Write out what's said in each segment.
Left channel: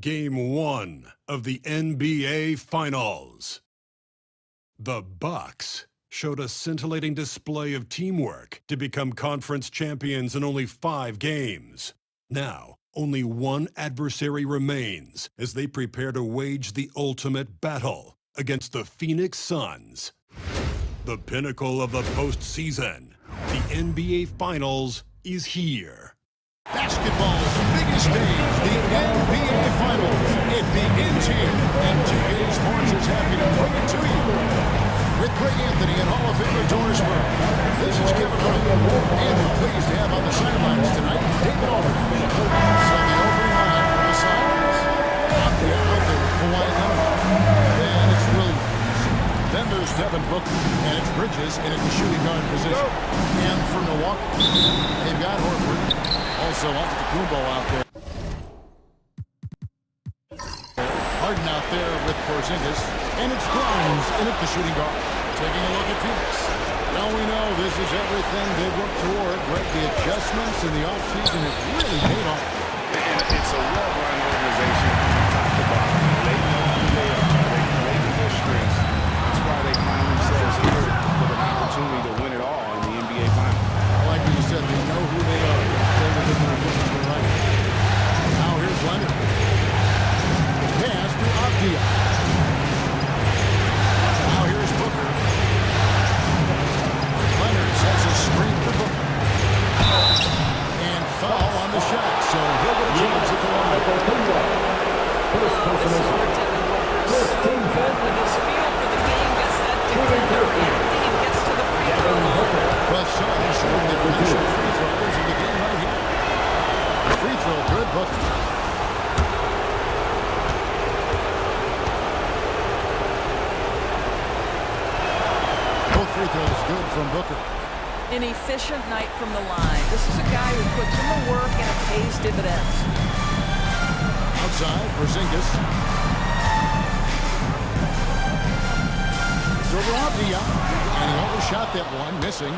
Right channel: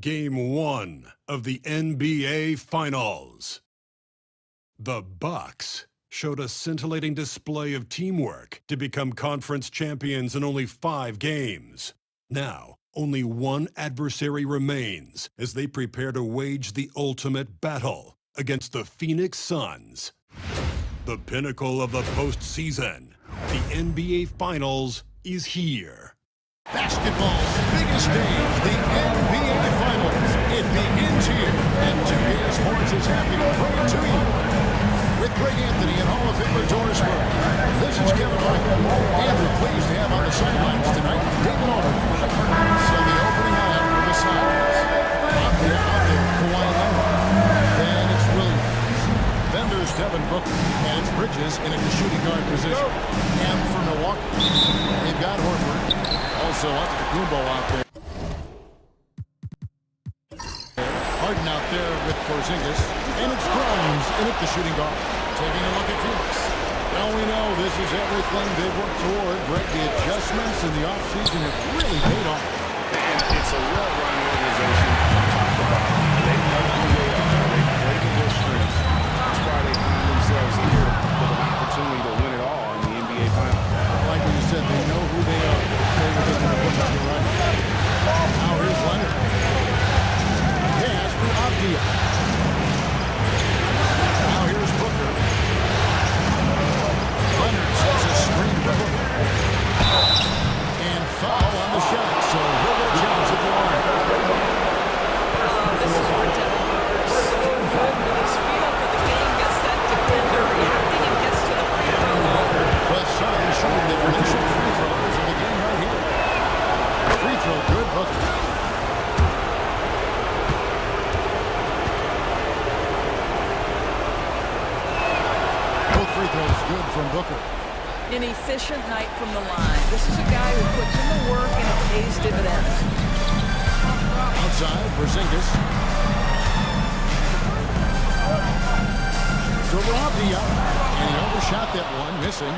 Game 1 of the NBA Finals. The Bucks showed a scintillating display of teamwork to become conference champions in only 5 games. Now, only one adversary remains as they prepare to wage the ultimate battle against the Phoenix Suns. The pinnacle of the postseason, the NBA Finals, is here. Basketball's biggest stage, the NBA Finals. It begins here, and 2K Sports is happy to bring it to you. With Greg Anthony and Hall of Famer Doris Burke, this is Kevin Hart, and we're pleased to have on the sidelines tonight David Aldridge. So the opening lineup for the Suns. Out there, Kawhi Leonard. Then it's Williams. Then there's Devin Booker, and it's Bridges in at the shooting guard position. And for Milwaukee, they've got Horford. Also, Antetokounmpo out there. Harden out there with Porzingis. And it's Grimes in at the shooting guard. Taking a look at Phoenix. Well, we know this is everything they've worked toward. Greg, the adjustments in the offseason have really paid off. And it's a well-run organization from top to bottom. They know who they are. They play to their strengths. That's why they find themselves here with an opportunity to win it all in the NBA Finals. I like what you said. They know who they are. They play within their limits. You're right. Now here's Leonard. Pass to Avdia. Now here's Booker. Leonard sets a screen for Booker. And foul on the shot, so he'll get a chance at the line. This is where Devin Booker is so good with his feel for the game, gets that defender reacting and gets to the free throw line. The Suns shooting their initial free throws in the game right here. Free throw good, Booker. Both free throws good from Booker. An efficient night from the line. This is a guy who puts in the work and it pays dividends. Outside, Porzingis. Shoots over Avdia. And he overshot that one, missing.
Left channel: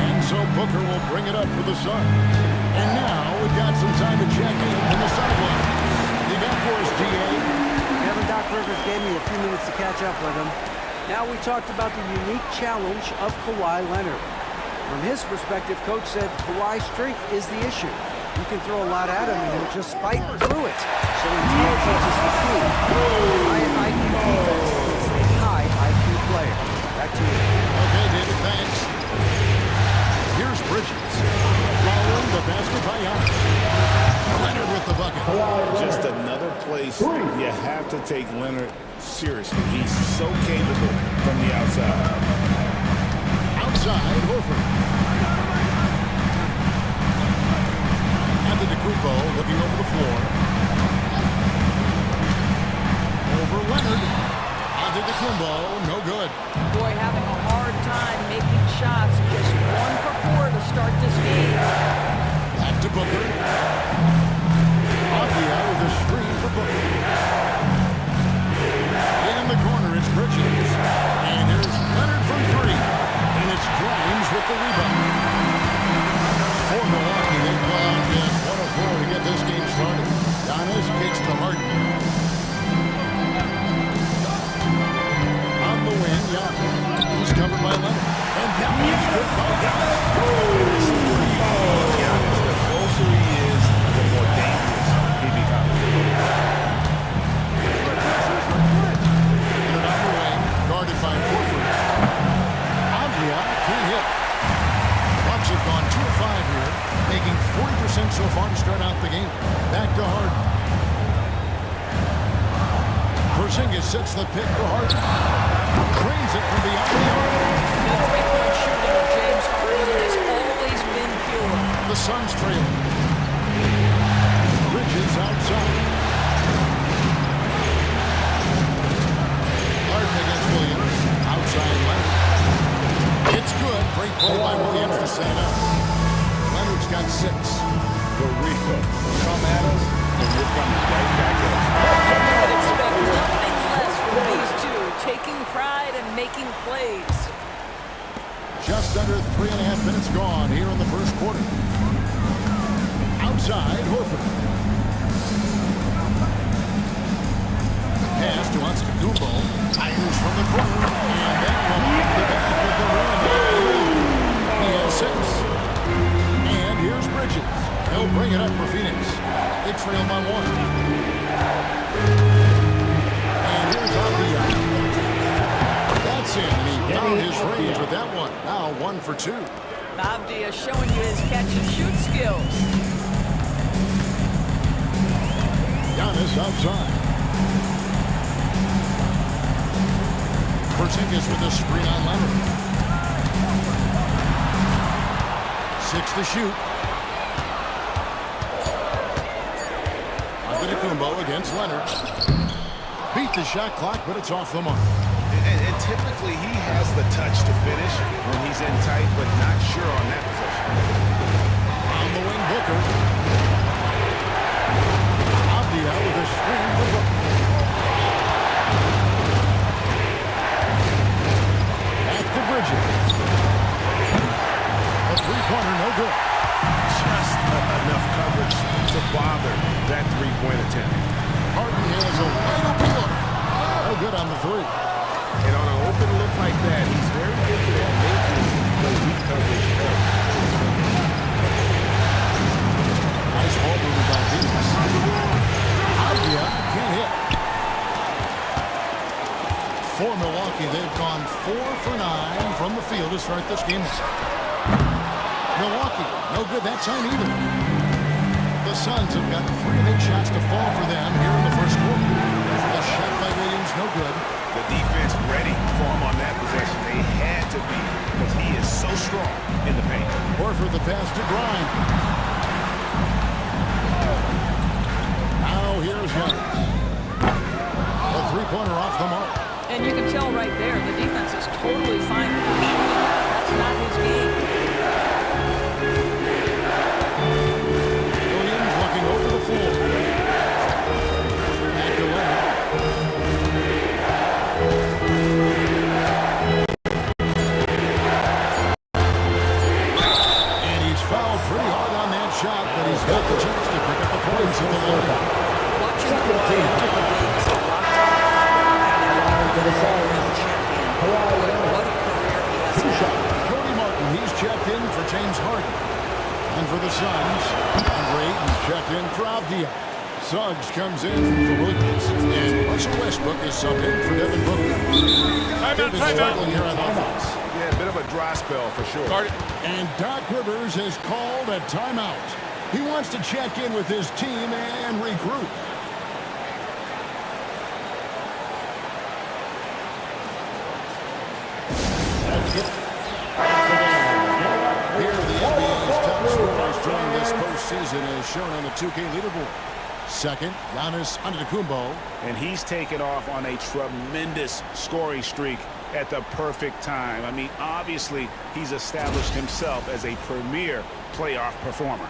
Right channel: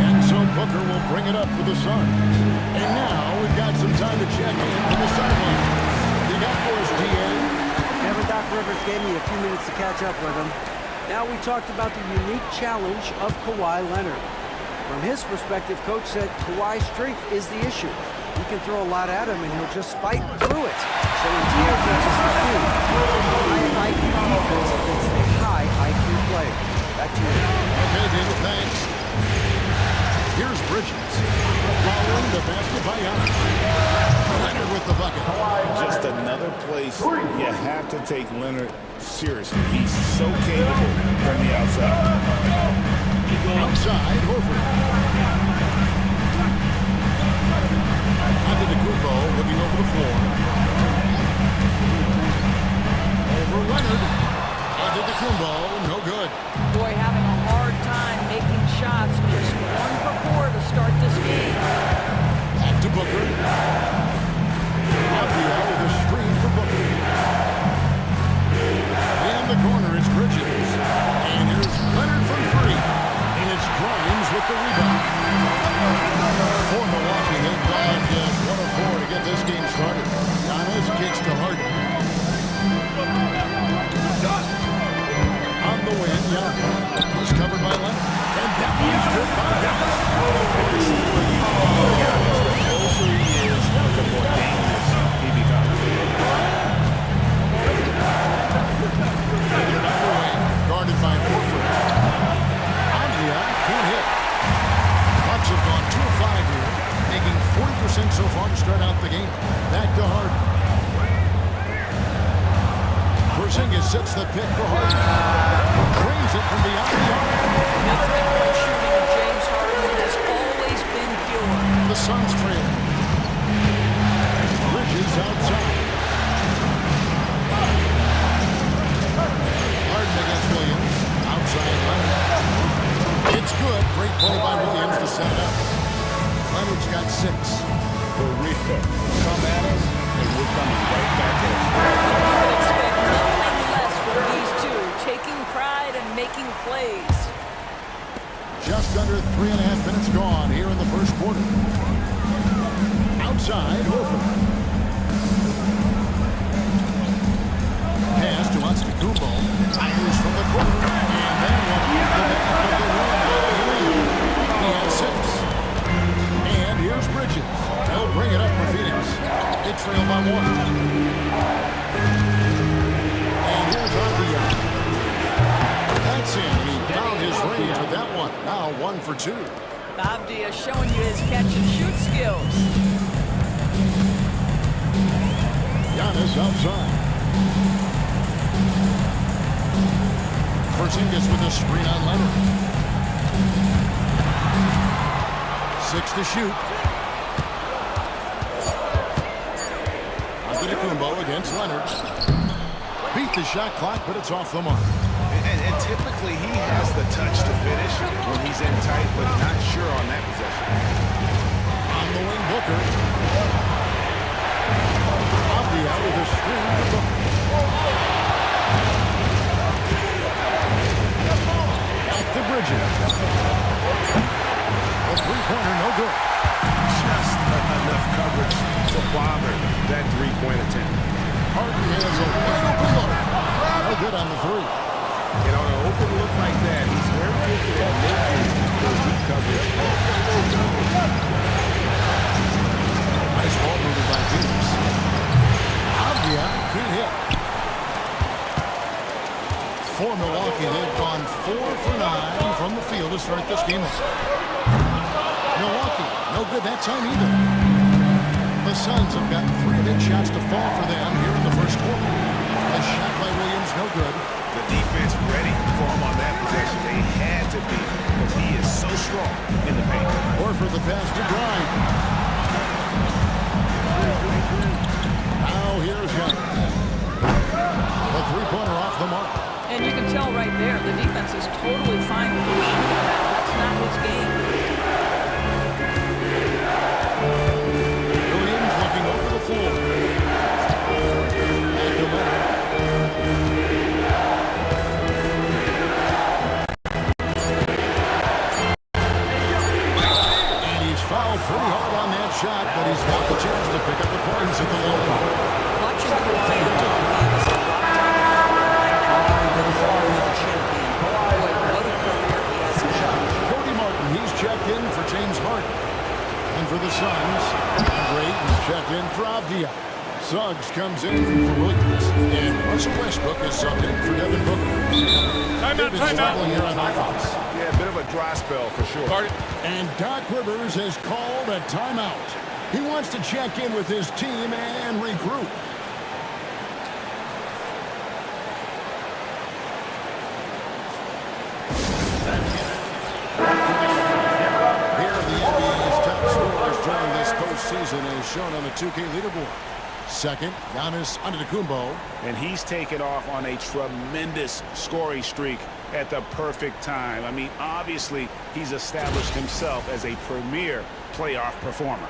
And so Booker will bring it up for the Suns. And now we've got some time to check in from the sidelines. You got for us, D.A.? Kevin, Doc Rivers gave me a few minutes to catch up with him. Now we talked about the unique challenge of Kawhi Leonard. From his perspective, Coach said Kawhi's strength is the issue. You can throw a lot at him and he'll just fight through it. So intelligence is the key. High IQ defense against a high IQ player. Back to you. Okay, David, thanks. Here's Bridges. Following the basket by Giannis. Leonard with the bucket. Just another place you have to take Leonard seriously. He's so capable from the outside. Outside, Horford. Antetokounmpo looking over the floor. Over Leonard. Antetokounmpo, no good. Boy, having a hard time making shots. Just 1 for 4 to start this game. Back to Booker. Avdia with a screen for Booker. In the corner, it's Bridges. And here's Leonard from 3. And it's Grimes with the rebound. For Milwaukee, they've gone just 1 of 4 to get this game started. Giannis kicks to Harden. On the win, Giannis. He's covered by Leonard. And that one's good by Giannis. And this is where you see Giannis. The closer he is, the more dangerous he becomes. Leonard on the wing, guarded by Horford. Avdia can't hit. Bucks have gone 2 of 5 here, making 40% so far to start out the game. Back to Harden. Porzingis sets the pick for Harden. Trains it from beyond the arc. The three-point shooting of James Harden has always been pure. The Suns trail. Bridges outside. Harden against Williams. Outside Leonard. It's good. Great play by Williams to set it up. Leonard's got 6. The real come at us, and we're coming right back at you. And you could expect nothing less from these two, taking pride and making plays. Just under 3.5 minutes gone here in the first quarter. Outside, Horford. trail by 1. And here's Avdia. That's in, and he found his range with that one. Now 1 for 2. Avdia showing you his catch-and-shoot skills. Giannis outside. Porzingis with a screen on Leonard. 6 to shoot. Antetokounmpo against Leonard. Beat the shot clock, but it's off the mark. And typically he has the touch to finish when he's in tight, but not sure on that possession. On the wing, Booker. Avdia with a screen for Booker. Back to Bridges. A three-pointer, no good. Just enough coverage to bother that three-point attempt. Harden has a wide open look. No good on the three. And on an open look like that, he's very gifted at making the weak coverage work. Nice ball movement by Phoenix. Avdia can't hit. For Milwaukee, they've gone 4 for 9 from the field to start this game off. Milwaukee, no good that time either. The Suns have gotten 3 of 8 shots to fall for them here in the first quarter. A shot by Williams, no good. The defense ready for him on that possession. They had to be because he is so strong in the paint. Horford the pass to Grimes. Now here's Giannis. A three-pointer off the mark. And you can tell right there, the defense is totally fine with him shooting that. That's not his game. Williams looking over the floor. Back to Leonard. And he's fouled pretty hard on that shot, but he's got the chance to pick up the points at the line. Watching Kawhi enter the league as a lockdown defender and now becoming an all-around champion. Boy, what a career he has had. Cody Martin, he's checked in for James Harden. And for the Suns, Andre Ayton's checked in for Avdia. Suggs comes in for Williams. And Russell Westbrook is subbed in for Devin Booker. They've been struggling here on offense. Yeah, a bit of a dry spell for sure. And Doc Rivers has called a timeout. He wants to check in with his team and regroup. Here are the NBA's top scorers during this postseason as shown on the 2K leaderboard. Second, Giannis Antetokounmpo. And he's taken off on a tremendous scoring streak at the perfect time. I mean, obviously, he's established himself as a premier playoff performer.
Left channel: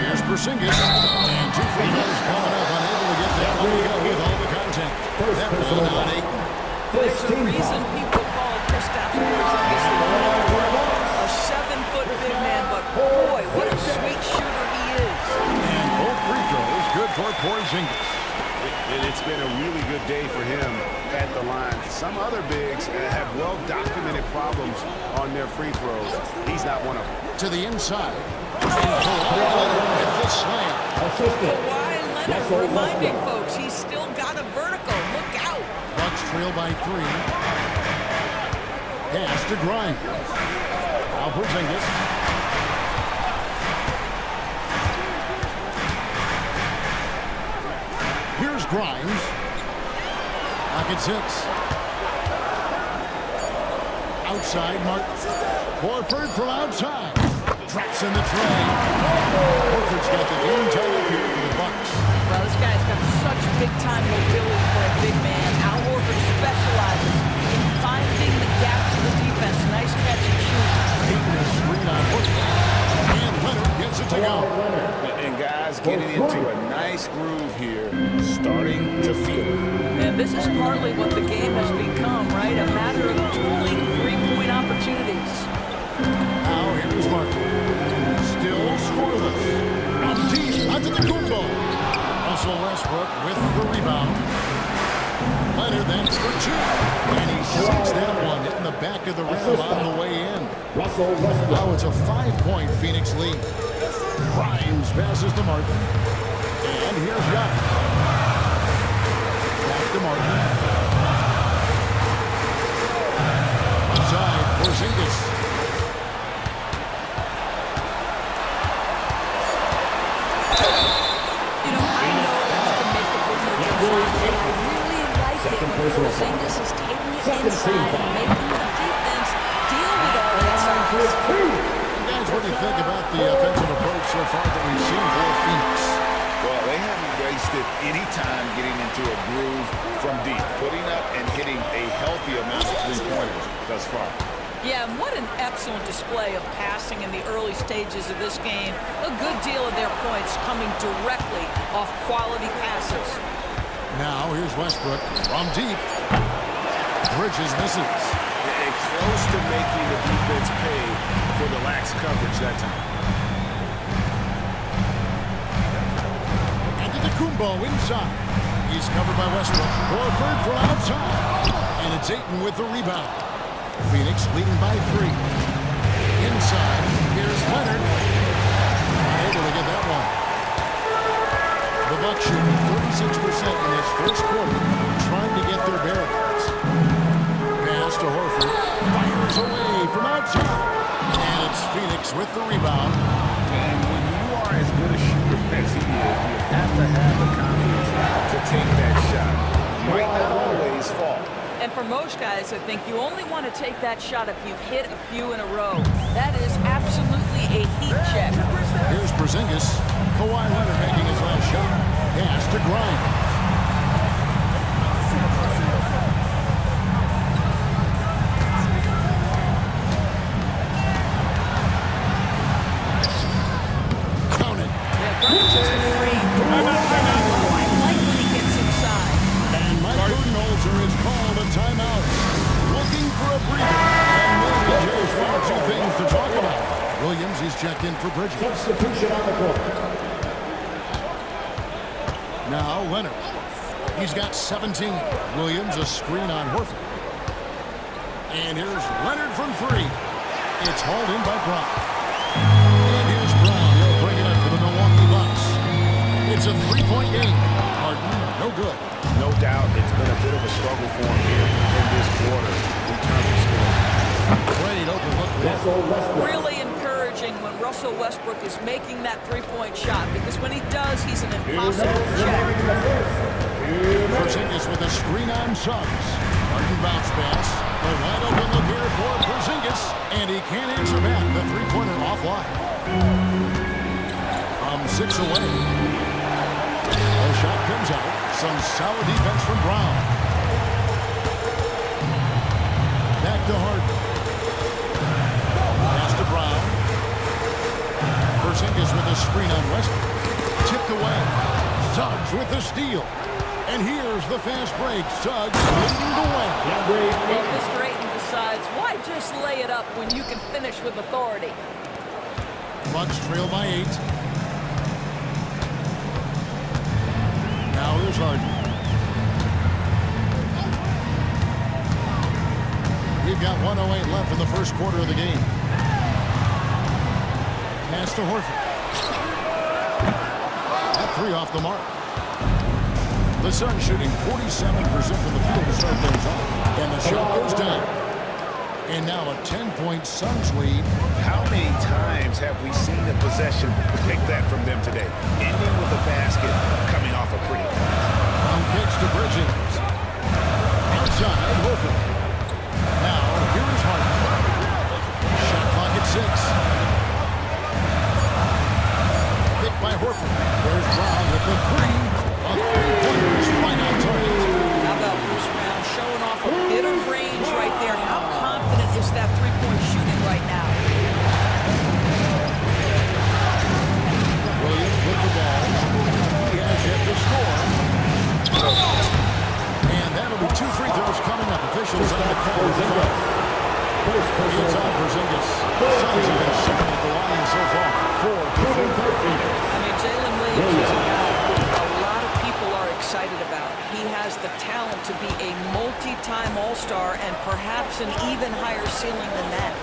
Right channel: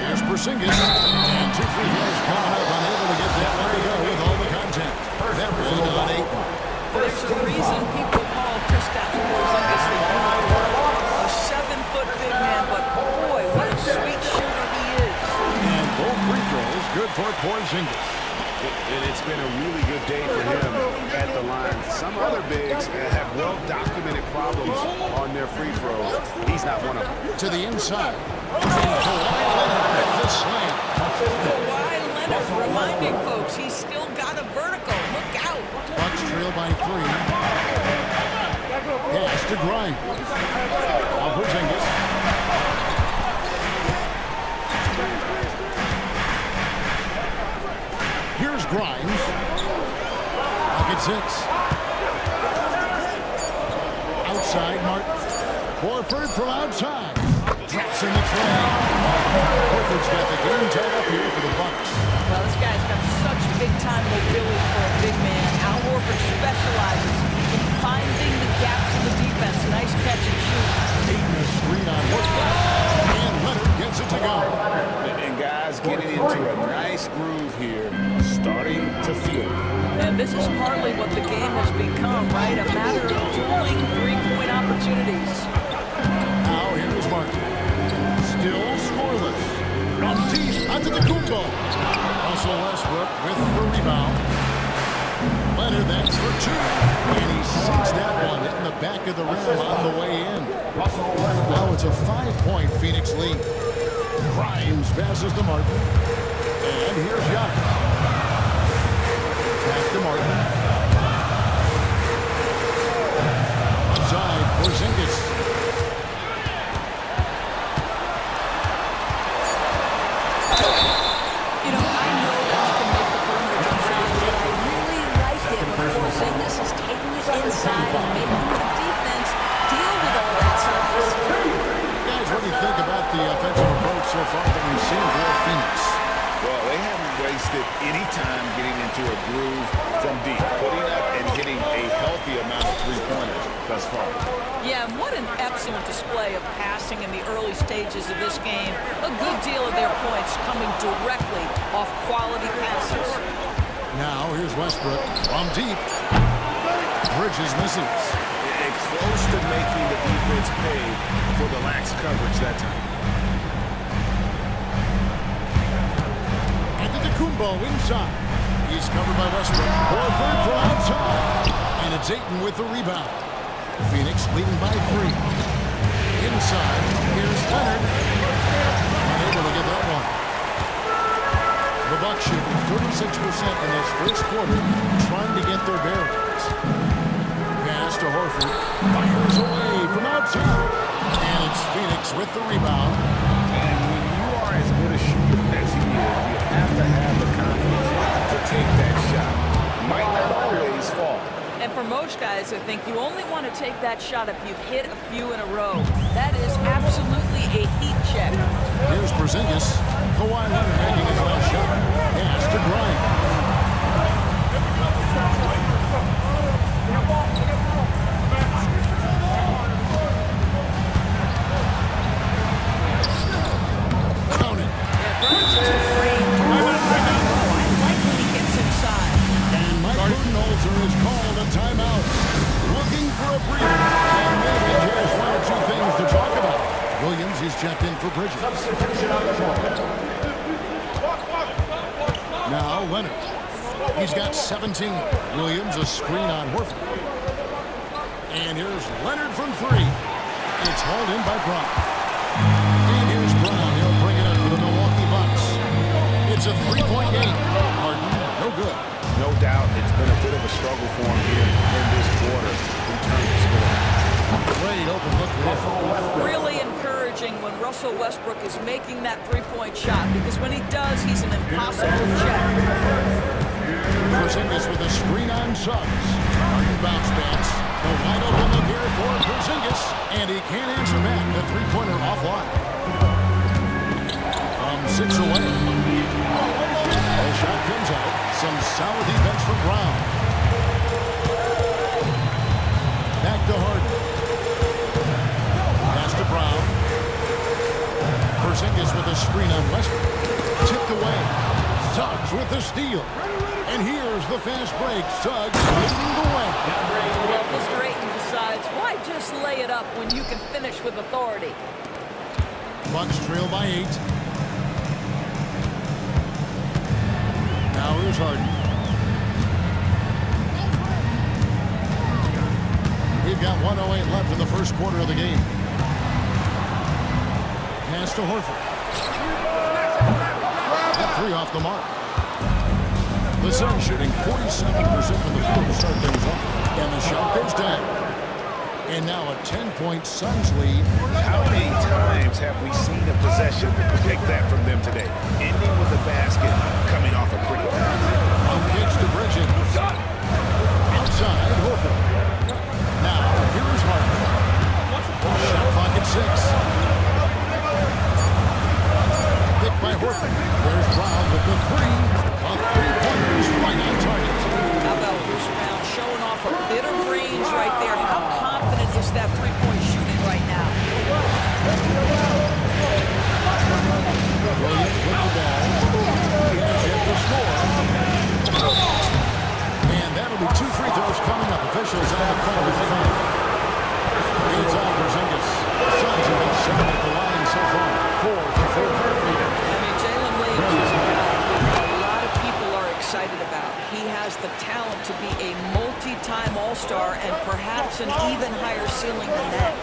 Here's Porzingis. And 2 free throws coming up, unable to get that one to go with all the contact. That one on Ayton. There's a reason people call Kristaps Porzingis the unicorn. A 7-foot big man, but boy, what a sweet shooter he is. And both free throws good for Porzingis. And it's been a really good day for him at the line. Some other bigs have well-documented problems on their free throws. He's not one of them. To the inside. And Kawhi Leonard with the slam. Kawhi Leonard reminding folks he's still got a vertical. Look out. Bucks trail by 3. Pass to Grimes. Now Porzingis. Here's Grimes. Pocket 6. Outside, Martin. Horford from outside. Drops in the tray. Horford's got the game tied up here for the Bucks. Well, this guy's got such big-time mobility for a big man. Al Horford specializes in finding the gaps in the defense. Nice catch and shoot. Ayton a screen on Horford. And Leonard gets it to go. And guys getting into a nice groove here, starting to feel it. And this is partly what the game has become, right? A matter of dueling three-point opportunities. Now here's Martin. Still scoreless. From deep onto the Antetokounmpo. Russell Westbrook with the rebound. Leonard, that's for two. And he sinks that one, hitting the back of the rim on the way in. Now it's a 5-point Phoenix lead. Grimes passes to Martin. And here's Giannis. Back to Martin. Outside, Porzingis. You know, I know that he can make the perimeter jump shot, but I really like it when Porzingis is taking it inside and making the defense deal with all that size. Guys, what do you think about the offensive approach so far that we've seen for Phoenix? Well, they haven't wasted any time getting into a groove from deep, putting up and hitting a healthy amount of three-pointers thus far. Yeah, and what an excellent display of passing in the early stages of this game. A good deal of their points coming directly off quality passes. Now, here's Westbrook from deep. Bridges misses. Close to making the defense pay for the lax coverage that time. Antetokounmpo inside. He's covered by Westbrook. Horford from outside. And it's Ayton with the rebound. Phoenix leading by 3. Inside, here's Leonard. Unable to get that one. The Bucks shooting 36% in this first quarter, trying to get their bearings. Pass to Horford. Fires away from outside. And it's Phoenix with the rebound. And when you are as good a shooter as he is, you have to have the confidence to take that shot. Might not always fall. And for most guys, I think you only want to take that shot if you've hit a few in a row. That is absolutely a heat check. Here's Porzingis. Kawhi Leonard making his last shot. Pass to Grimes. Count it. Yeah, Grimes has the frame to work low. I like when he gets inside. And Mike Budenholzer is called a timeout. Looking for a breather. And maybe just one or two things to talk about. Williams is checked in for Bridges. Substitution on the court. Now Leonard. He's got 17. Williams a screen on Horford. And here's Leonard from 3. It's hauled in by Brown. And here's Brown. He'll bring it up for the Milwaukee Bucks. It's a 3-point game. Harden, no good. No doubt it's been a bit of a struggle for him here in this quarter in terms of scoring. Great open look there. Really encouraging when Russell Westbrook is making that three-point shot, because when he does, he's an impossible check. Porzingis with a screen on Suggs. Harden bounce pass. The wide open look here for Porzingis. And he can't answer back. The three-pointer offline. From 6 away. The shot comes out. Some solid defense from Brown. Back to Harden. Pass to Brown. Porzingis with a screen on Westbrook. Tipped away. Suggs with the steal. And here's the fast break. Suggs leading the way. Well, Mr. Ayton decides, why just lay it up when you can finish with authority? Bucks trail by 8. Now here's Harden. We've got 1:08 left in the first quarter of the game. Pass to Horford. That 3 off the mark. The Suns shooting 47% from the field to start things off. And the shot goes down. And now a 10-point Suns lead. How many times have we seen a possession like that from them today? Ending with a basket, coming off a pretty pass. On pitch to Bridges. Outside, Horford. Now, here is Harden. Shot clock at 6. Picked by Horford. There's Brown with the 3. A three-pointer is right on target. How about Bruce Brown showing off a bit of range right there? How confident is that three-point shooting right now? Williams with the ball. He has yet to score. And that'll be 2 free throws coming up. Officials on the call with the foul. It's on Porzingis. The Suns have been solid at the line so far. 4 for 4. I mean, Jalen Williams is a guy who a lot of people are excited about. He has the talent to be a multi-time All-Star and perhaps an even higher ceiling than that.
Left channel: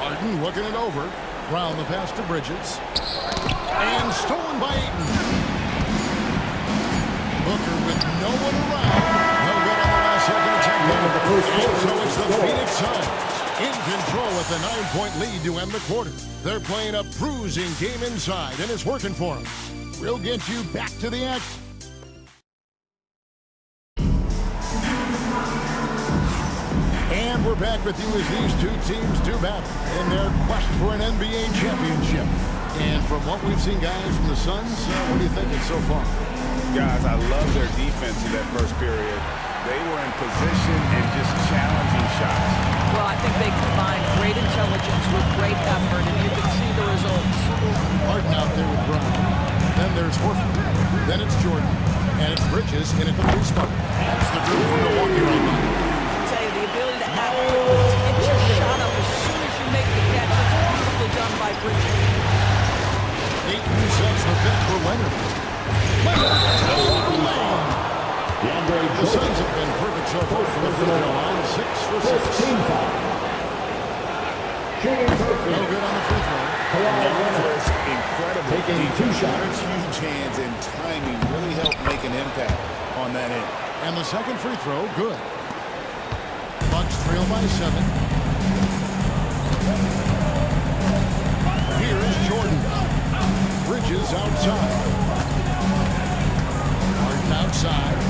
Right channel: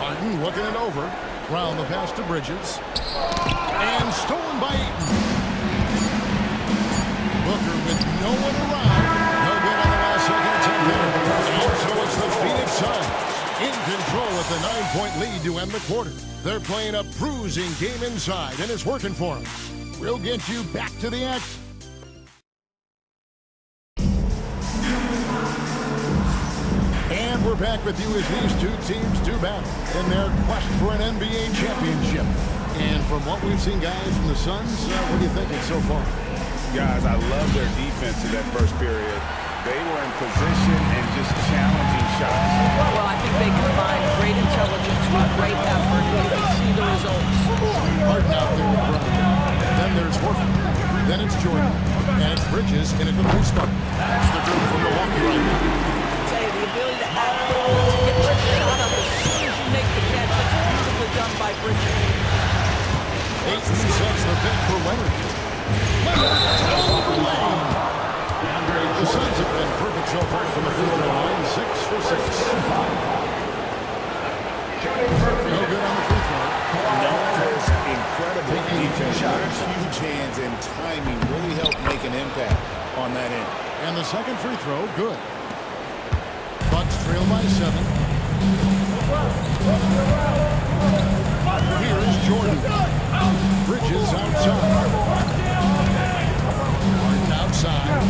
Harden looking it over. Round the pass to Bridges. And stolen by Ayton. Booker with no one around. No good on the last second attempt there. And so it's the Phoenix Suns in control with a 9-point lead to end the quarter. They're playing a bruising game inside, and it's working for them. We'll get you back to the action. And we're back with you as these two teams do battle in their quest for an NBA championship. And from what we've seen, guys, from the Suns, what are you thinking so far? Guys, I love their defense in that first period. They were in position and just challenging shots. Well, I think they combined great intelligence with great effort, and you can see the results. Harden out there with Brown. Then there's Horford. Then it's Jordan. And it's Bridges in at the three spot. That's the group for Milwaukee right now. I'll tell you, the ability to act quickly, to get your shot up as soon as you make the catch, that's beautifully done by Bridges. Ayton sets the pick for Leonard. Leonard, top of the lane. The Suns have been perfect so far from the free throw line, 6 for 6. No good on the free throw. Known for his incredible defense. Leonard's huge hands and timing really helped make an impact on that end. And the second free throw, good. Bucks trail by 7. Here's Jordan. Bridges outside. Harden outside.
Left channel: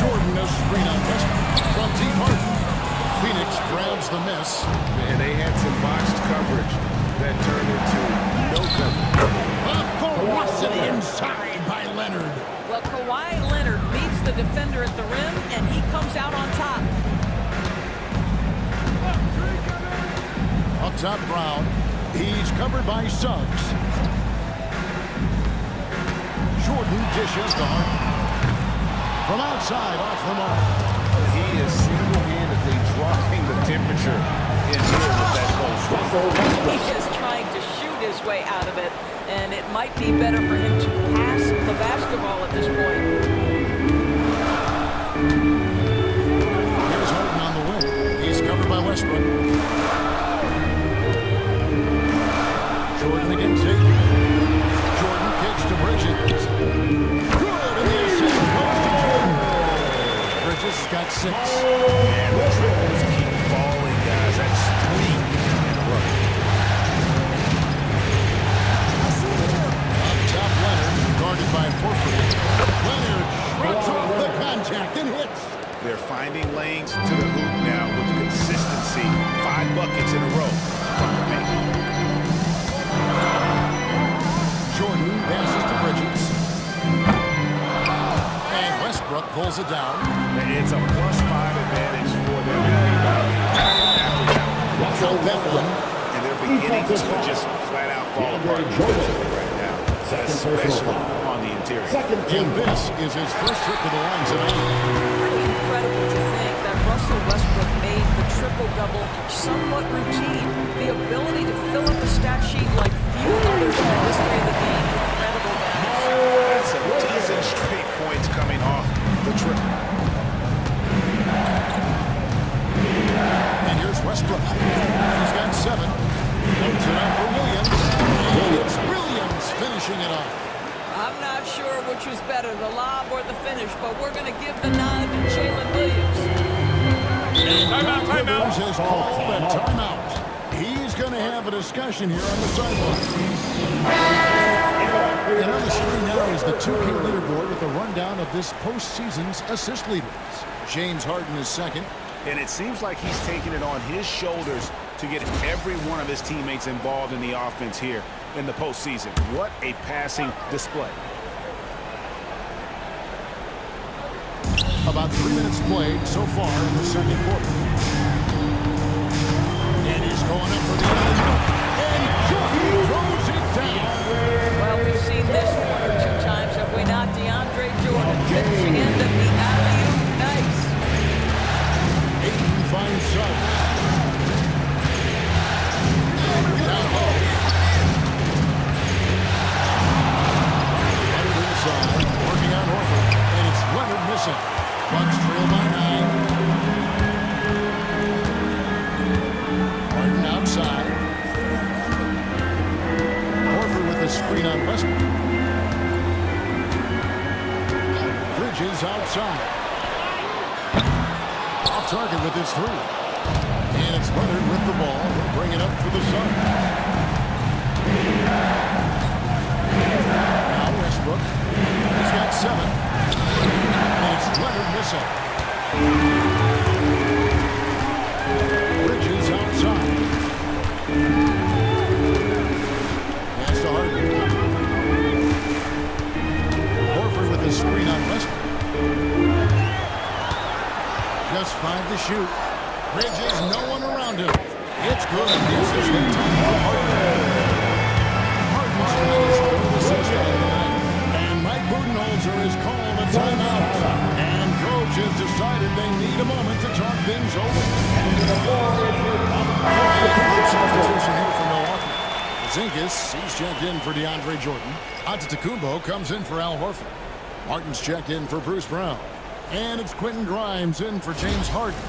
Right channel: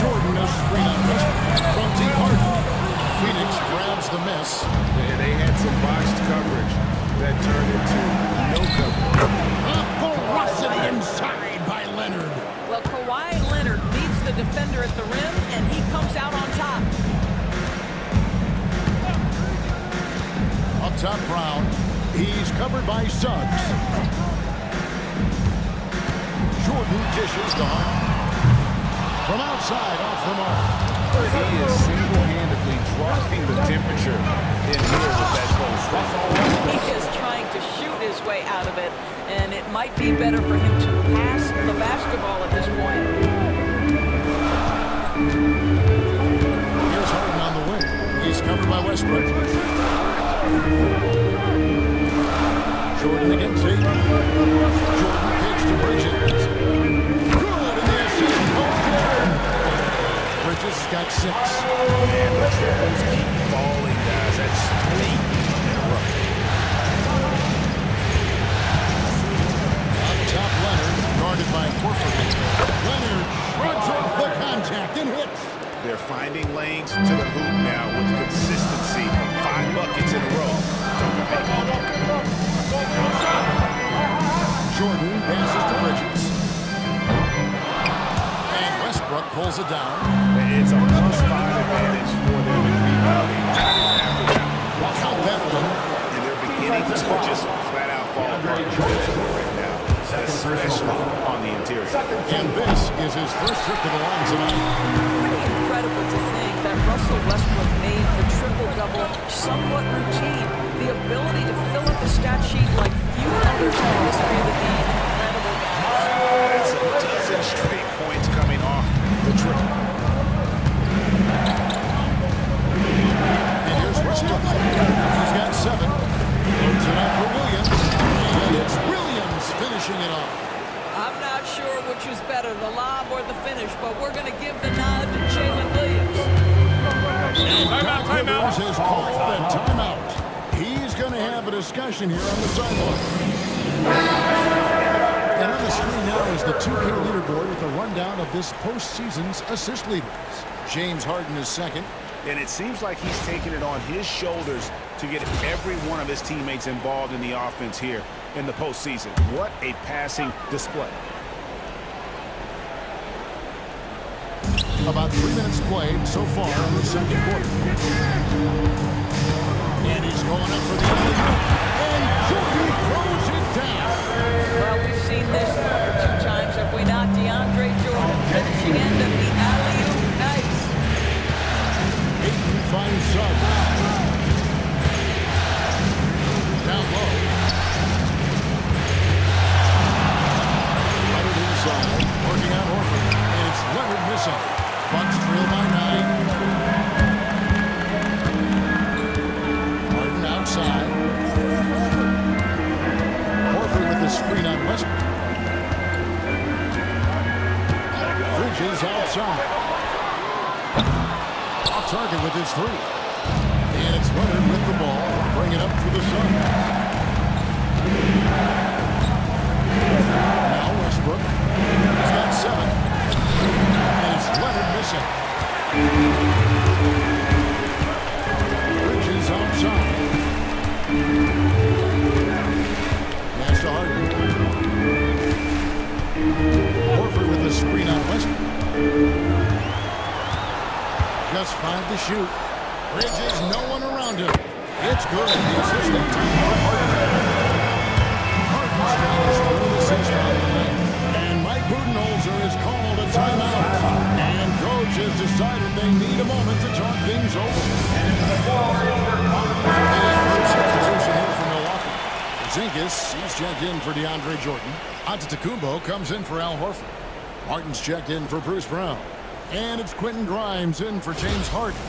Jordan a screen on Westbrook from deep Harden. Phoenix grabs the miss. And they had some botched coverage that turned into no coverage. A ferocity inside by Leonard. Well, Kawhi Leonard meets the defender at the rim, and he comes out on top. Up top, Brown. He's covered by Suggs. Jordan dishes to Harden. From outside, off the mark. He is single-handedly dropping the temperature in here with that goal. He is trying to shoot his way out of it, and it might be better for him to pass the basketball at this point. Here's Harden on the wing. He's covered by Westbrook. Jordan against Ayton. Jordan kicks to Bridges. Good, and the assist goes to Jordan. Bridges has got 6. Man, the triples keep falling, guys. That's 3 in a row. Up top, Leonard, guarded by Horford. Leonard shrugs off the contact and hits. They're finding lanes to the hoop now with consistency. 5 buckets in a row from the paint. Jordan passes to Bridges. And Westbrook pulls it down. It's a +5 advantage for them in rebounding after that. Count that one. And they're beginning to just flat out fall apart defensively right now, especially on the interior. And this is his first trip to the line tonight. Pretty incredible to think that Russell Westbrook made the triple-double somewhat routine. The ability to fill up a stat sheet like few others in the history of the game. Incredible, guys. That's a dozen straight points coming off the triple. And here's Westbrook. He's got 7. Loads it up for Williams. And it's Williams finishing it off. I'm not sure which was better, the lob or the finish, but we're going to give the nod to Jalen Williams. And Doc Rivers has called a timeout. He's going to have a discussion here on the sideline. And on the screen now is the 2K leaderboard with a rundown of this postseason's assist leaders. James Harden is second. And it seems like he's taking it on his shoulders to get every one of his teammates involved in the offense here in the postseason. What a passing display. About 3 minutes played so far in the second quarter. And he's going up for the alley-oop. And Jordan throws it down. Well, we've seen this 1 or 2 times, have we not? DeAndre Jordan finishing end of the alley-oop. Nice. Ayton finds Suggs. Down low. Bridges outside. Off target with his three. And it's Leonard with the ball. He'll bring it up for the Suns. Now Westbrook. He's got 7. And it's Leonard missing. Bridges outside. Pass to Harden. Horford with the screen on Westbrook. Just 5 to shoot. Bridges, no one around him. It's good. The assist that time for Harden. Harden's trying his third assist on the night. And Mike Budenholzer has called a timeout. And coach has decided they need a moment to talk things over. A group substitution here for Milwaukee. Porzingis, he's checked in for DeAndre Jordan. Antetokounmpo comes in for Al Horford. Martin's checked in for Bruce Brown. And it's Quentin Grimes in for James Harden.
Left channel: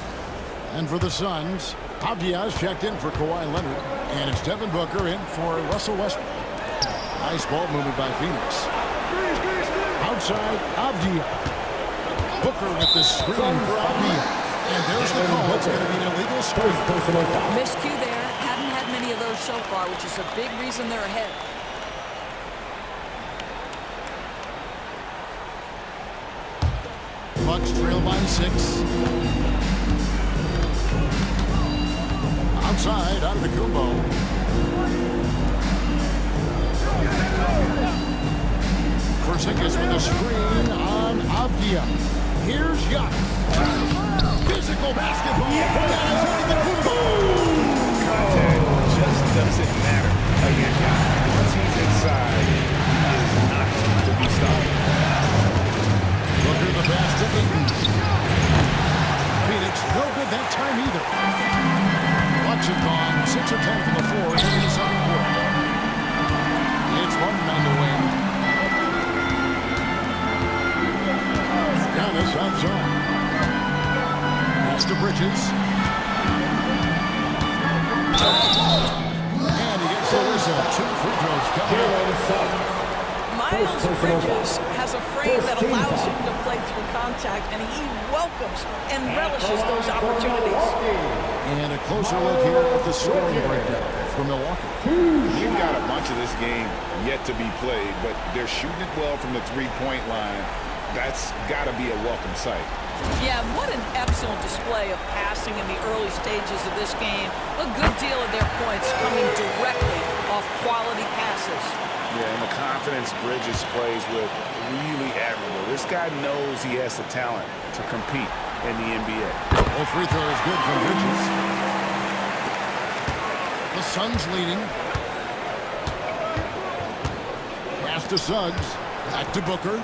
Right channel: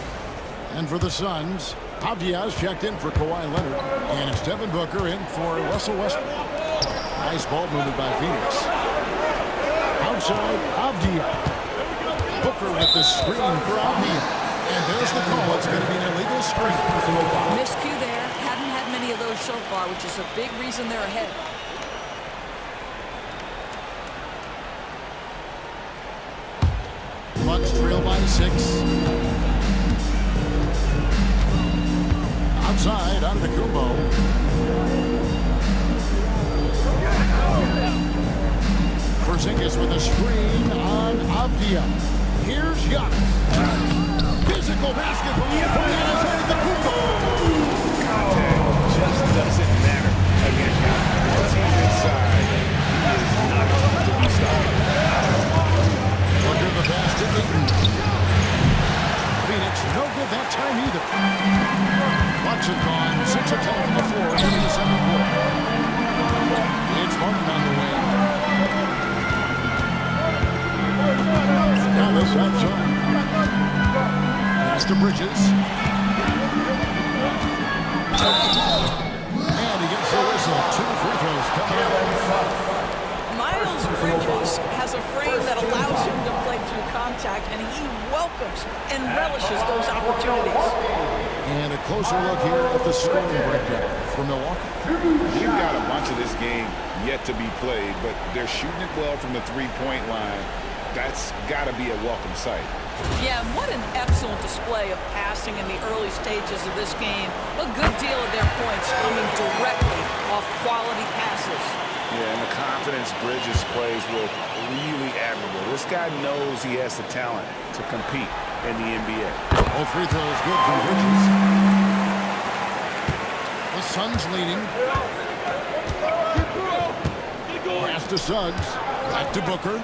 And for the Suns, Avdia's checked in for Kawhi Leonard. And it's Devin Booker in for Russell Westbrook. Nice ball movement by Phoenix. Outside, Avdia. Booker with the screen for Avdia. And there's the call. It's going to be an illegal screen. Miscue there. Hadn't had many of those so far, which is a big reason they're ahead. Bucks trail by 6. Outside, out of the Kumbo. Porzingis with a screen on Avdia. Here's Giannis. Physical basketball from Giannis Antetokounmpo. Contact just doesn't matter against Giannis. Once he's inside, he is not to be stopped. Booker the pass to Ayton. Phoenix no good that time either. Bucks have gone 6 of 10 from the floor in the second quarter. It's Martin on the wing. Giannis outside. Pass to Bridges. And he gets the whistle. 2 free throws coming up. Miles Bridges has a frame that allows him to play through contact, and he welcomes and relishes those opportunities. And a closer look here at the scoring breakdown for Milwaukee. We've got a bunch of this game yet to be played, but they're shooting it well from the three-point line. That's got to be a welcome sight. Yeah, what an excellent display of passing in the early stages of this game. A good deal of their points coming directly off quality passes. Yeah, and the confidence Bridges plays with, really admirable. This guy knows he has the talent to compete in the NBA. All free throws good from Bridges. The Suns leading. Pass to Suggs. Back to Booker.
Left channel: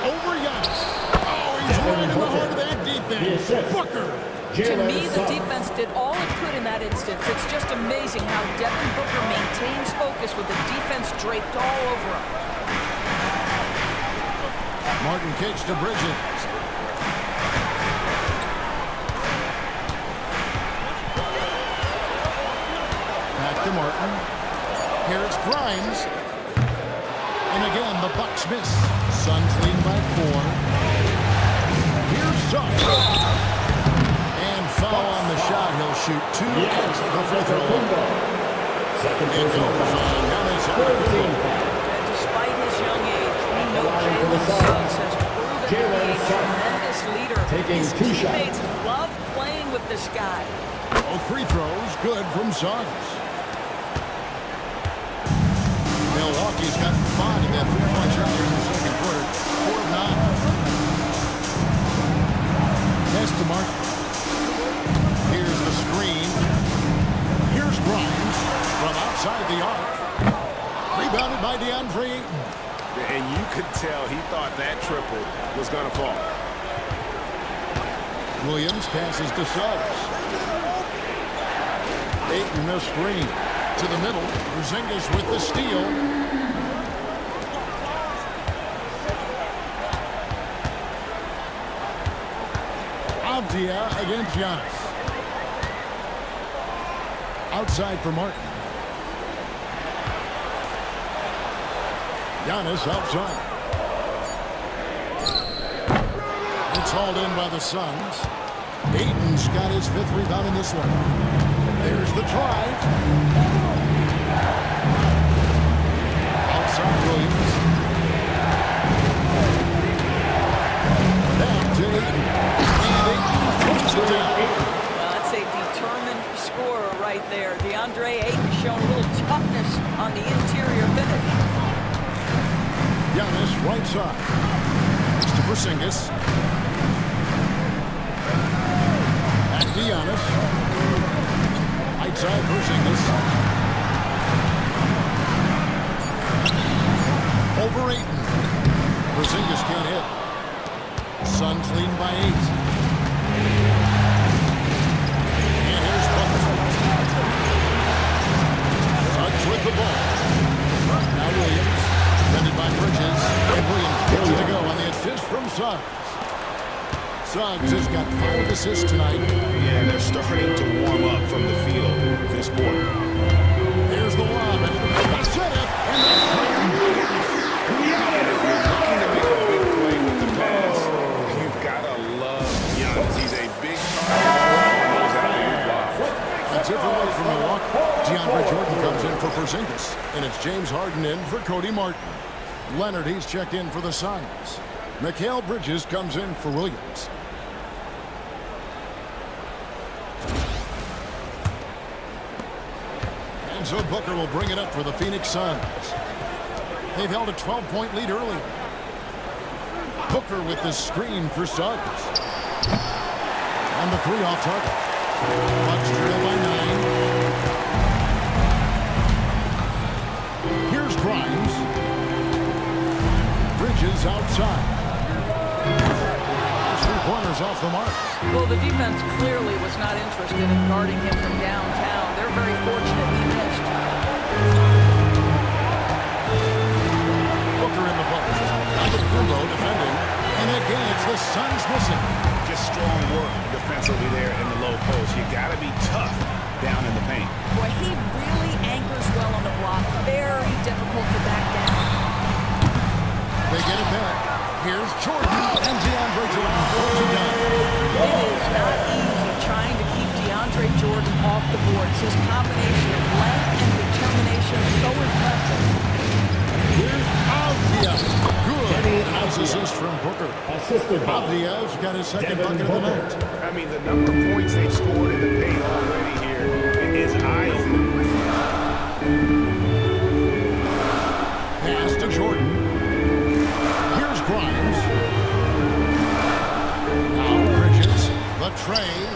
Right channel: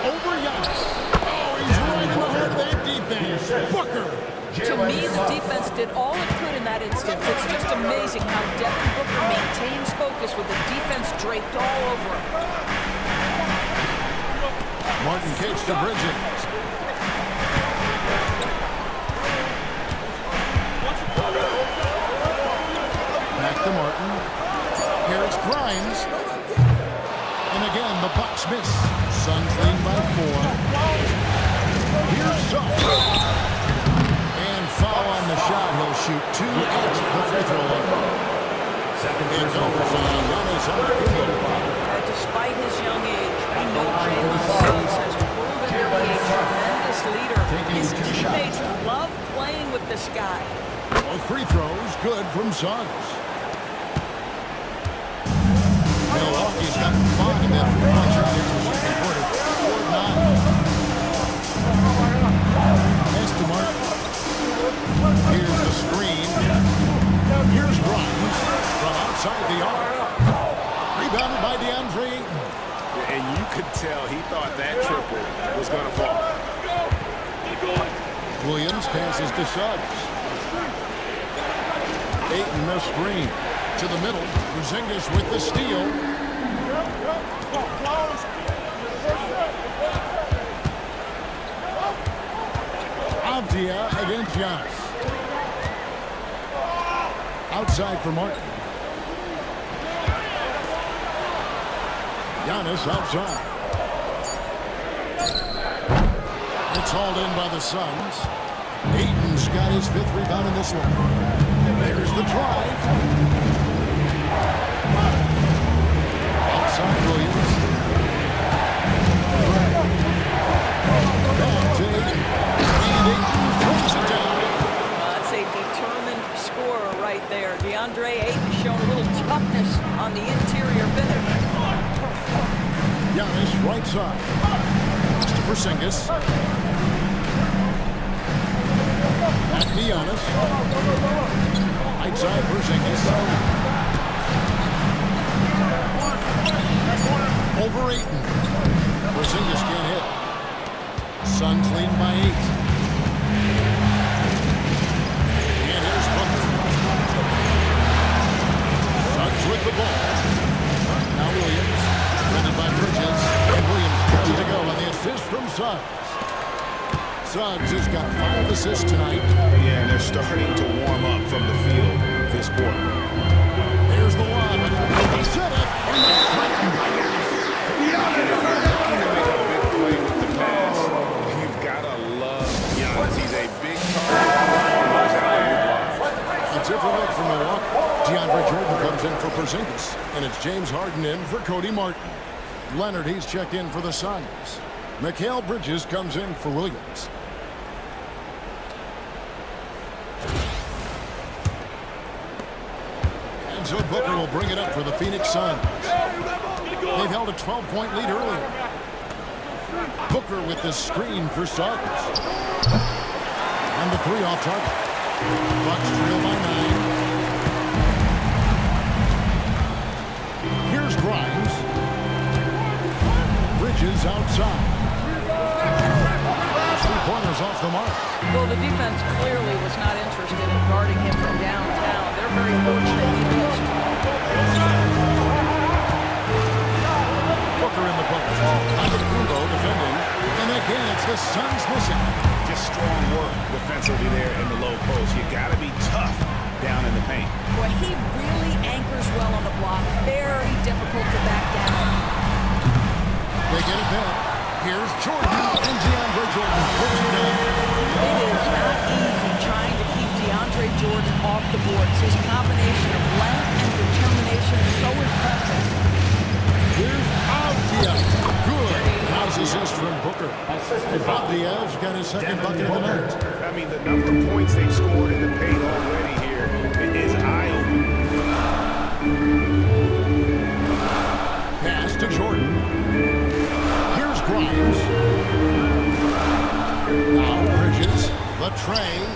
Over Giannis. Oh, he's right in the heart of that defense. Booker. To me, the defense did all it could in that instance. It's just amazing how Devin Booker maintains focus with the defense draped all over him. Martin kicks to Bridges. Back to Martin. Here's Grimes. And again, the Bucks miss. Suns leading by 4. Here's Suggs. And foul on the shot. He'll shoot 2 at the free throw line. It goes on Giannis Antetokounmpo. Despite his young age, we know Jalen Suggs has proven to be a tremendous leader. His teammates love playing with this guy. Both free throws good from Suggs. Milwaukee's gotten 5 in that three-point shot here in the second quarter. 4 of 9. Pass to Martin. Here's the screen. Here's Grimes from outside the arc. Rebounded by DeAndre Ayton. And you could tell he thought that triple was going to fall. Williams passes to Suggs. Ayton the screen. To the middle. Porzingis with the steal. Avdia against Giannis. Outside for Martin. Giannis outside. It's hauled in by the Suns. Ayton's got his 5th rebound in this one. There's the drive. Outside Williams. Back to Ayton. And Ayton throws it down. That's a determined scorer right there. DeAndre Ayton showing a little toughness on the interior finish. Giannis right side. Next to Porzingis. Back to Giannis. Right side Porzingis. Over Ayton. Porzingis can't hit. Suns leading by 8. And here's Butler. Suggs with the ball. Now Williams. Defended by Bridges. And Williams gets it to go on the assist from Suggs. Suggs has got 5 assists tonight. Yeah, they're starting to warm up from the field this quarter. There's the lob. And they set it. And the slam by Giannis. And if you're looking to make a big play with the pass, you've got to love Giannis. He's a big target on those alley-oop lobs. A different look for Milwaukee. DeAndre Jordan comes in for Porzingis. And it's James Harden in for Cody Martin. Leonard, he's checked in for the Suns. Mikal Bridges comes in for Williams. And so Booker will bring it up for the Phoenix Suns. They've held a 12-point lead earlier. Booker with the screen for Suggs. And the 3 off target. Bucks trail by 9. Here's Grimes. Bridges outside. 3-pointers off the mark. Well, the defense clearly was not interested in guarding him from downtown. They're very fortunate he missed. Booker in the post. Antetokounmpo defending. And again, it's the Suns missing. Just strong work defensively there in the low post. You got to be tough down in the paint. Boy, he really anchors well on the block. Very difficult to back down. They get it back. Here's Jordan. And DeAndre Jordan throws it down. It is not easy trying to keep DeAndre Jordan off the boards. His combination of length and determination is so impressive. Here's Avdija. Good. Nice assist from Booker. Avdija's got his 2nd bucket of the night. I mean, the number of points they've scored in the paint already here is eye-opening. Pass to Jordan. Here's Grimes. Now Bridges. The tray.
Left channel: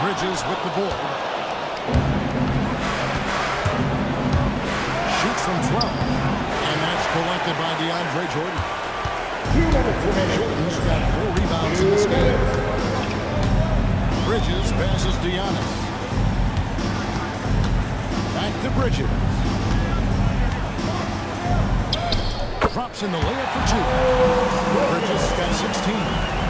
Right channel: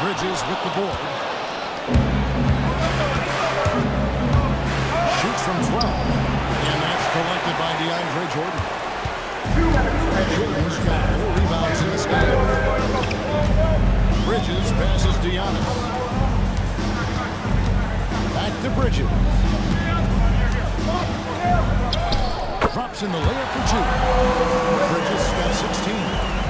Bridges with the board. Shoots from 12. And that's collected by DeAndre Jordan. Jordan's got 4 rebounds in this game. Bridges passes Giannis. Back to Bridges. Drops in the layup for 2. Bridges got 16.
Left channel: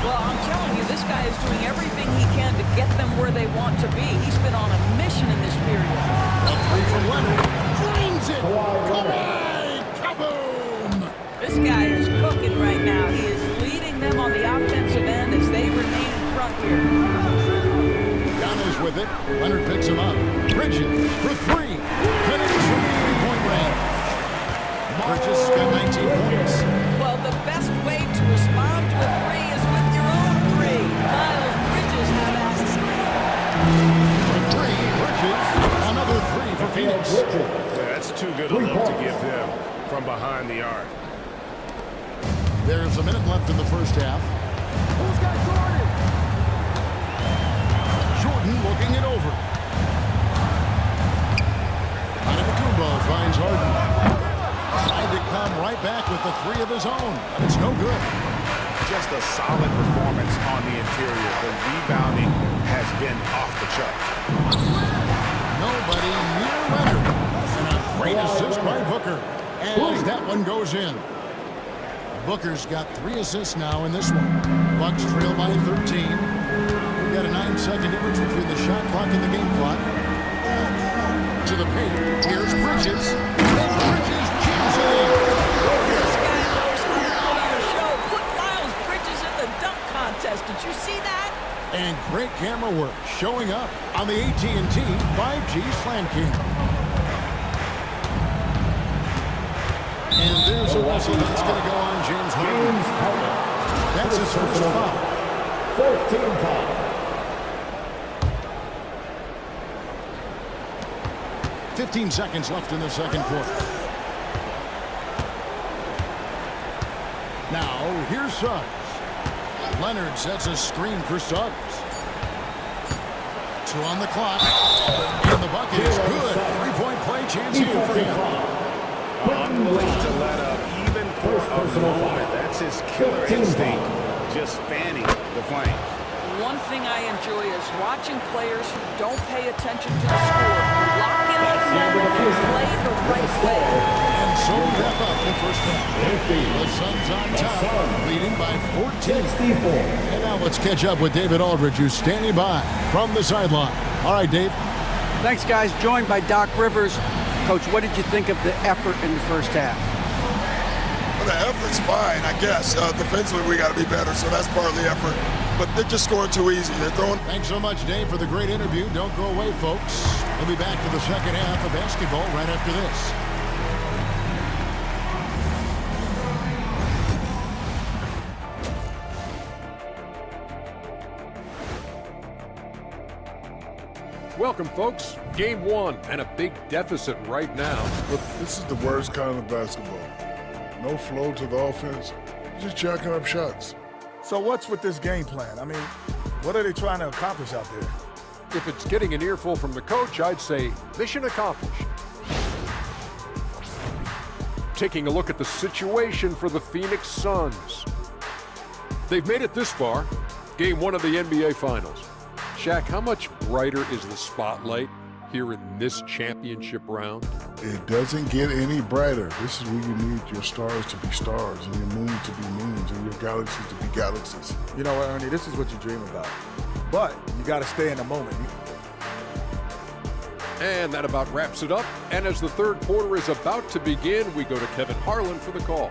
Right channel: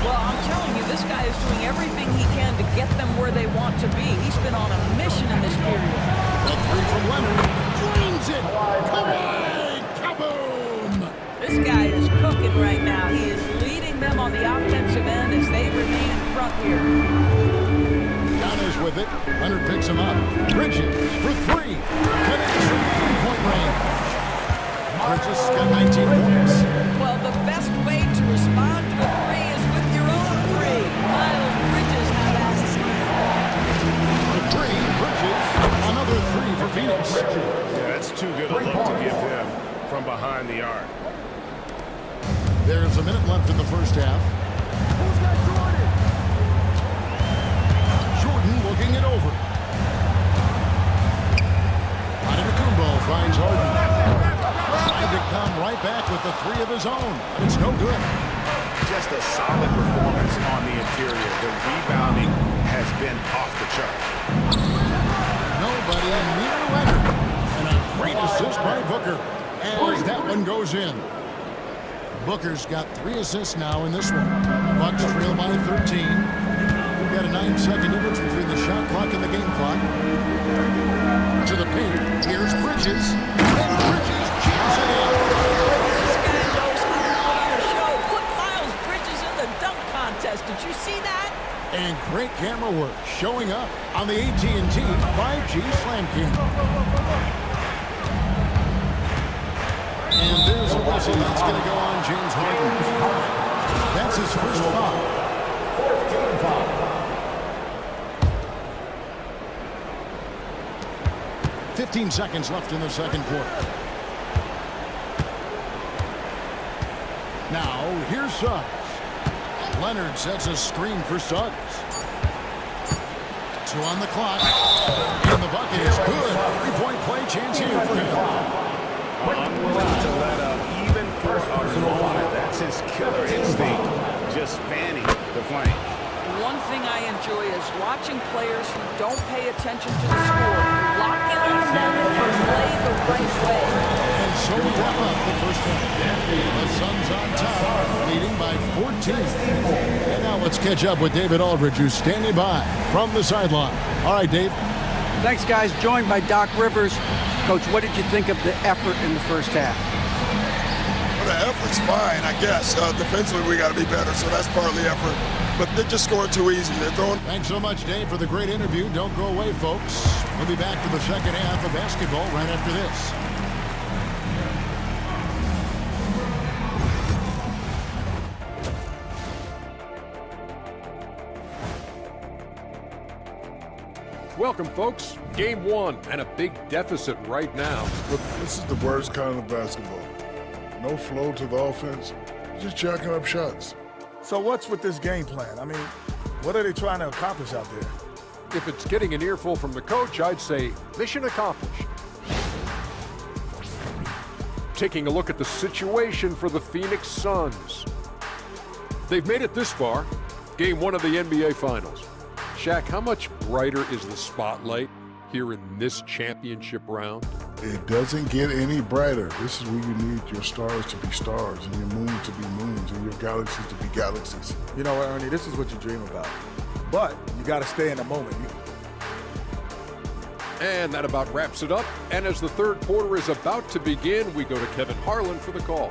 Well, I'm telling you, this guy is doing everything he can to get them where they want to be. He's been on a mission in this period. A 3 from Leonard. Drains it. Kawhi. Kaboom. This guy is cooking right now. He is leading them on the offensive end as they remain in front here. Giannis with it. Leonard picks him up. Bridges for 3. Connects from 3-point range. Bridges got 19 points. Well, the best way to respond to a 3 is with your own 3. Miles Bridges have asked. For 3, Bridges. Another 3 for Phoenix. Yeah, that's too good a look to give him from behind the arc. There's a minute left in the first half. Who's got Jordan? Jordan looking it over. Antetokounmpo finds Harden. Trying to come right back with the 3 of his own, but it's no good. Just a solid performance on the interior. The rebounding has been off the charts. Nobody near Leonard. And a great assist by Booker as that one goes in. Booker's got 3 assists now in this one. Bucks trail by 13. We've got a 9-second difference between the shot clock and the game clock. To the paint. Here's Bridges. And Bridges jams it in. This guy knows how to put on a show. Put Miles Bridges in the dunk Hernandez. Did you see that? And great camera work showing up on the AT&T 5G Slam Cam. And there's a whistle that's going to go on James Harden. That's his first foul. 14 foul. .15 seconds left in the second quarter. Now, here's Suggs. Leonard sets a screen for Suggs. 2 on the clock. And the bucket is good. 3-point play chance here for him. Unwilling to let up even for a moment. That's his killer instinct, just fanning the flames. One thing I enjoy is watching players who don't pay attention to the score, who lock in on the moment and play the right way. And so we wrap up the first half. The Suns on top, leading by 14. And now let's catch up with David Aldridge, who's standing by from the sideline. All right, Dave. Thanks, guys. Joined by Doc Rivers. Coach, what did you think of the effort in the first half? Well, the effort's fine, I guess. Defensively, we got to be better, so that's part of the effort. But they're just scoring too easy. They're throwing. Thanks so much, Dave, for the great interview. Don't go away, folks. We'll be back to the second half of basketball right after this. Welcome, folks. Game 1 and a big deficit right now. But this is the worst kind of basketball. No flow to the offense. Just jacking up shots. So what's with this game plan? I mean, what are they trying to accomplish out there? If it's getting an earful from the coach, I'd say mission accomplished. Taking a look at the situation for the Phoenix Suns. They've made it this far. Game 1 of the NBA Finals. Shaq, how much brighter is the spotlight here in this championship round? It doesn't get any brighter. This is where you need your stars to be stars and your moons to be moons and your galaxies to be galaxies. You know what, Ernie, this is what you dream about. But you got to stay in the moment. And that about wraps it up. And as the third quarter is about to begin, we go to Kevin Harlan for the call.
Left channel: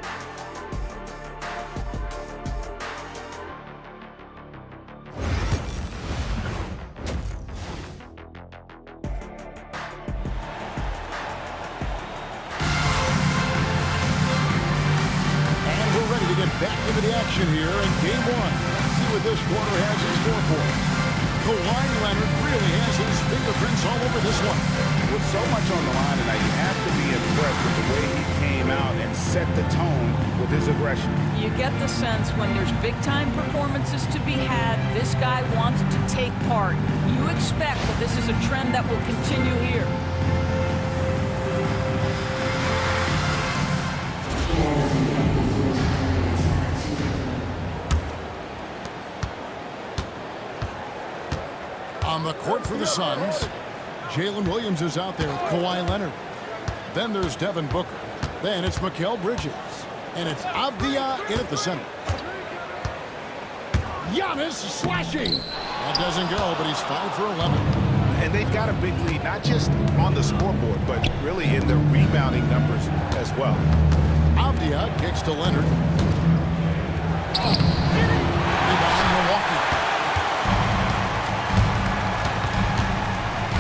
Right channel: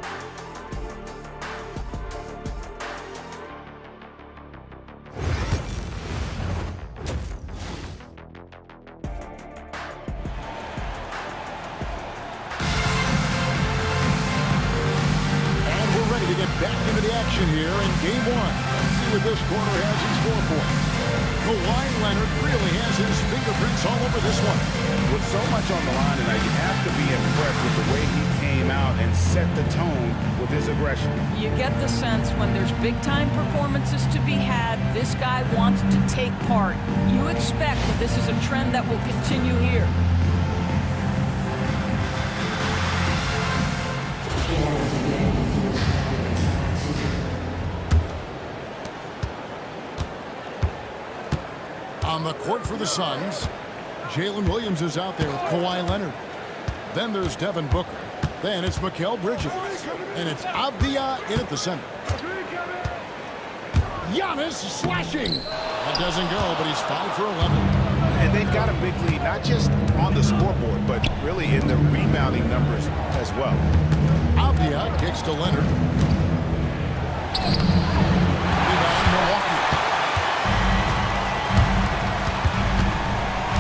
Ready to get back into the action here in game 1. Let's see what this quarter has in store for us. Kawhi Leonard really has his fingerprints all over this one. With so much on the line tonight, you have to be impressed with the way he came out and set the tone with his aggression. You get the sense when there's big-time performances to be had, this guy wants to take part. You expect that this is a trend that will continue here. On the court for the Suns, Jalen Williams is out there with Kawhi Leonard. Then there's Devin Booker. Then it's Mikal Bridges. And it's Avdia in at the center. Giannis slashing. That doesn't go, but he's 5 for 11. And they've got a big lead, not just on the scoreboard, but really in the rebounding numbers as well. Avdia kicks to Leonard. Rebound, Milwaukee.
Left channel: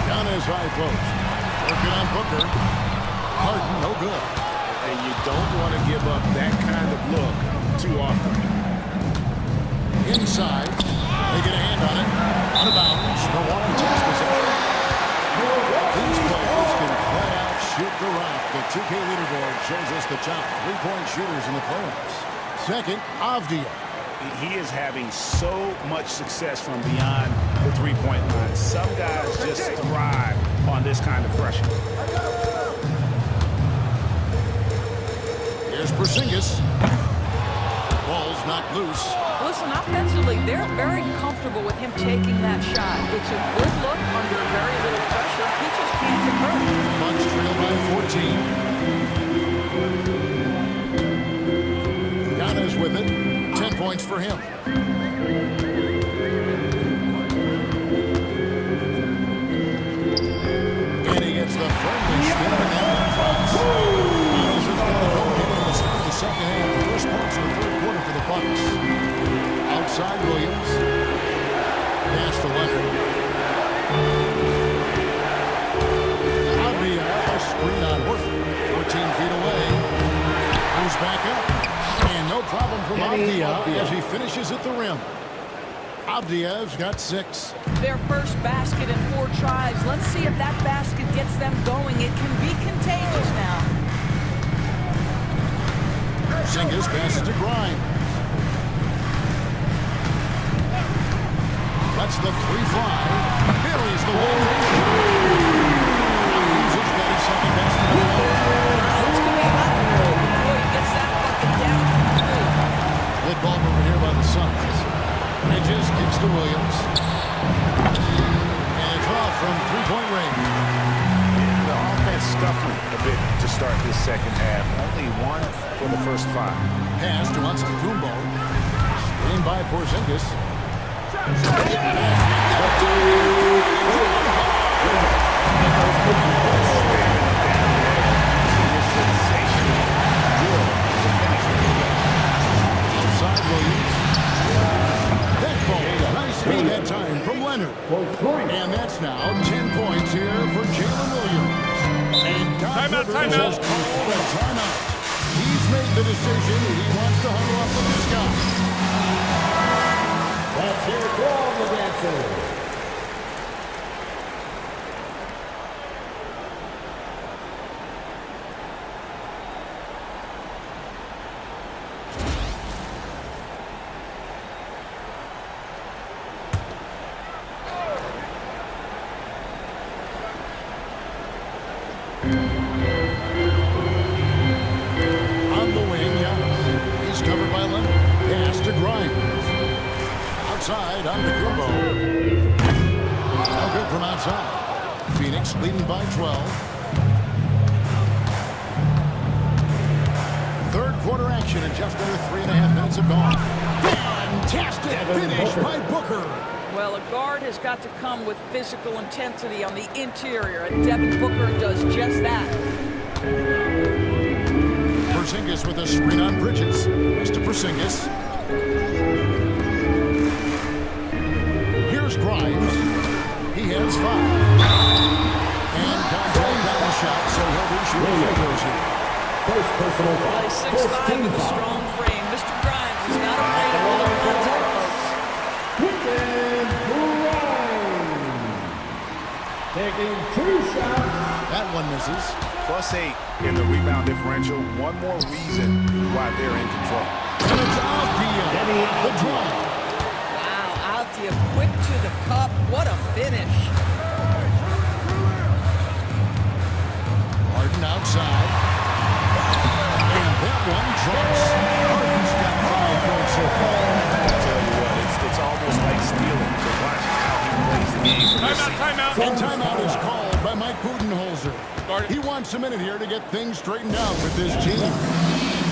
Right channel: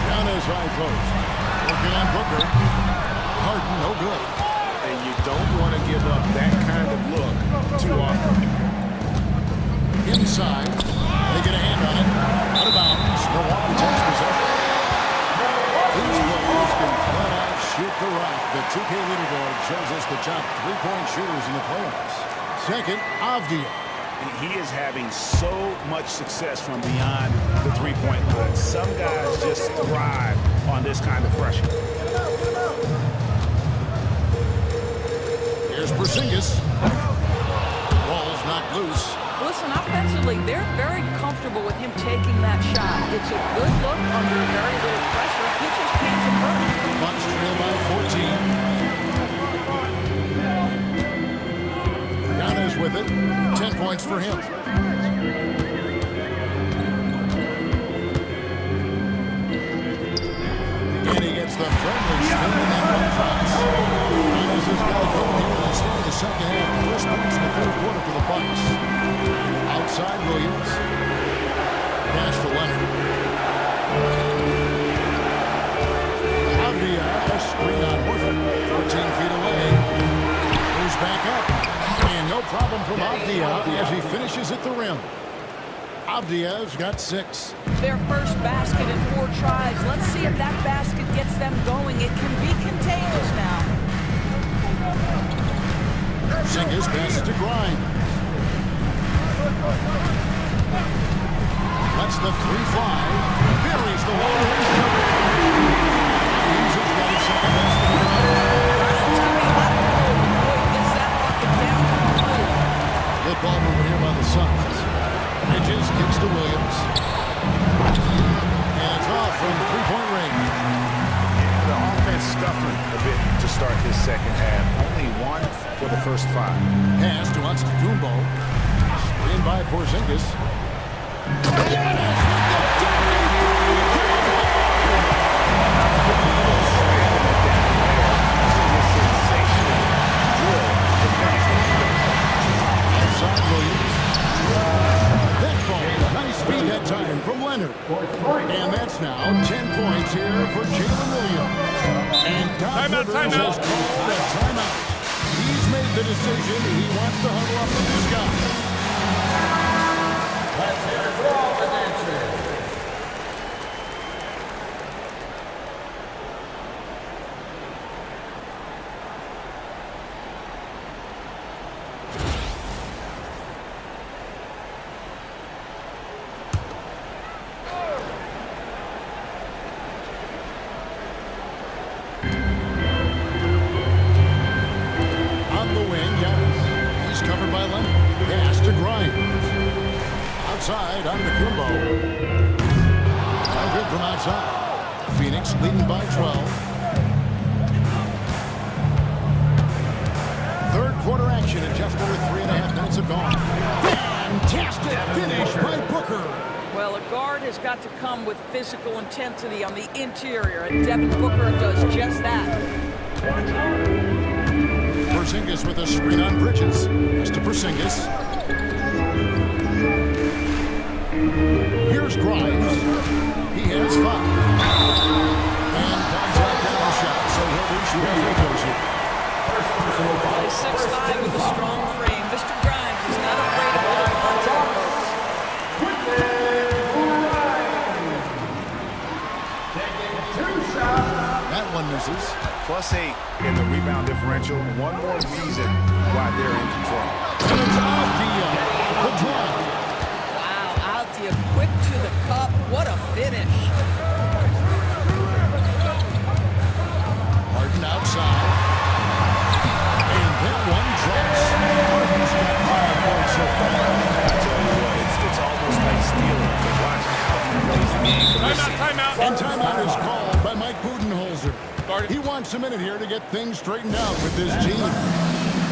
Giannis high post. Working on Booker. Harden, no good. And you don't want to give up that kind of look too often. Inside. They get a hand on it. Out of bounds. Milwaukee takes possession. These players can flat out shoot the rock. The 2K leaderboard shows us the top 3-point shooters in the playoffs. Second, Avdia. He is having so much success from beyond the three-point line. Some guys just thrive on this kind of pressure. Here's Porzingis. Ball's knocked loose. Listen, offensively, they're very comfortable with him taking that shot. It's a good look under very little pressure. He just can't convert. Bucks trail by 14. Giannis with it. 10 points for him. And he gets the friendly spin, and that one drops. Giannis has got it going here in the start of the second half. The first points in the third quarter for the Bucks. Outside Williams. Pass to Leonard. Avdia, a screen on Horford. 14 feet away. Goes back up. And no problem from Avdia as he finishes at the rim. Avdia's got 6. Their first basket in 4 tries. Let's see if that basket gets them going. It can be contagious now. Porzingis passes to Grimes. Lets the 3 fly. Buries the long-range jumper. Grimes has got his second basket of the night. Grimes can be hot and cold, but boy, he gets that bucket down from 3. Good ball movement here by the Suns. Bridges kicks to Williams. And it's off from 3-point range. Yeah, the offense scuffling a bit to start this second half. Only 1 for the first 5. Pass to Antetokounmpo. Screened by Porzingis. Yes, with the dunk and throwing it down hard. Slamming it down there. Using his sensational drill to finish the play. Outside Williams. That ball, nice feed that time from Leonard. And that's now 10 points here for Jalen Williams. And Doc Rivers has called a timeout. He's made the decision. He wants to huddle up with this guy. Let's hear it for all the dancers. On the wing, Giannis. He's covered by Leonard. Pass to Grimes. Outside, Antetokounmpo. No good from outside. Phoenix leading by 12. Third quarter action and just over 3.5 minutes have gone. Fantastic finish by Booker. Well, a guard has got to come with physical intensity on the interior, and Devin Booker does just that. Porzingis with a screen on Bridges. Pass to Porzingis. Here's Grimes. He has 5. And contact on the shot, so he'll be shooting free throws here. First personal foul. Play 6'5" with a strong frame. Mr. Grimes is not afraid of a little contact, folks. Taking 2 shots. That one misses. +8 in the rebound differential. One more reason why they're in control. And it's Avdia. The drive. Wow, Avdia quick to the cup. What a finish. Harden outside. And that one drops. Harden's got 5 points so far. I tell you what, it's almost like stealing to watch how he plays the game from this season. Timeout. And timeout is called by Mike Budenholzer. He wants a minute here to get things straightened out with this team.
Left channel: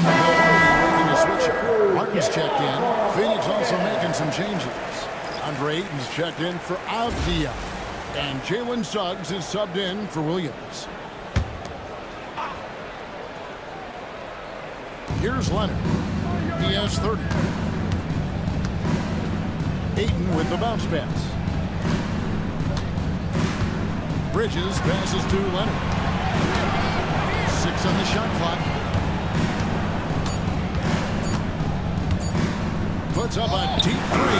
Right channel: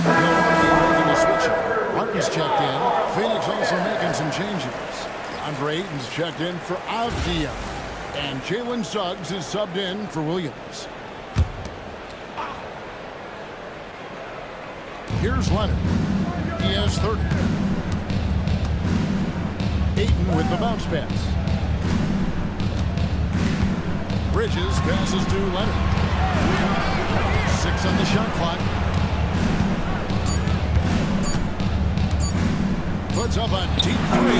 Milwaukee making a switch up. Martin's checked in. Phoenix also making some changes. Andre Ayton's checked in for Avdia. And Jalen Suggs is subbed in for Williams. Here's Leonard. He has 30. Ayton with the bounce pass. Bridges passes to Leonard. 6 on the shot clock. Puts up a deep 3.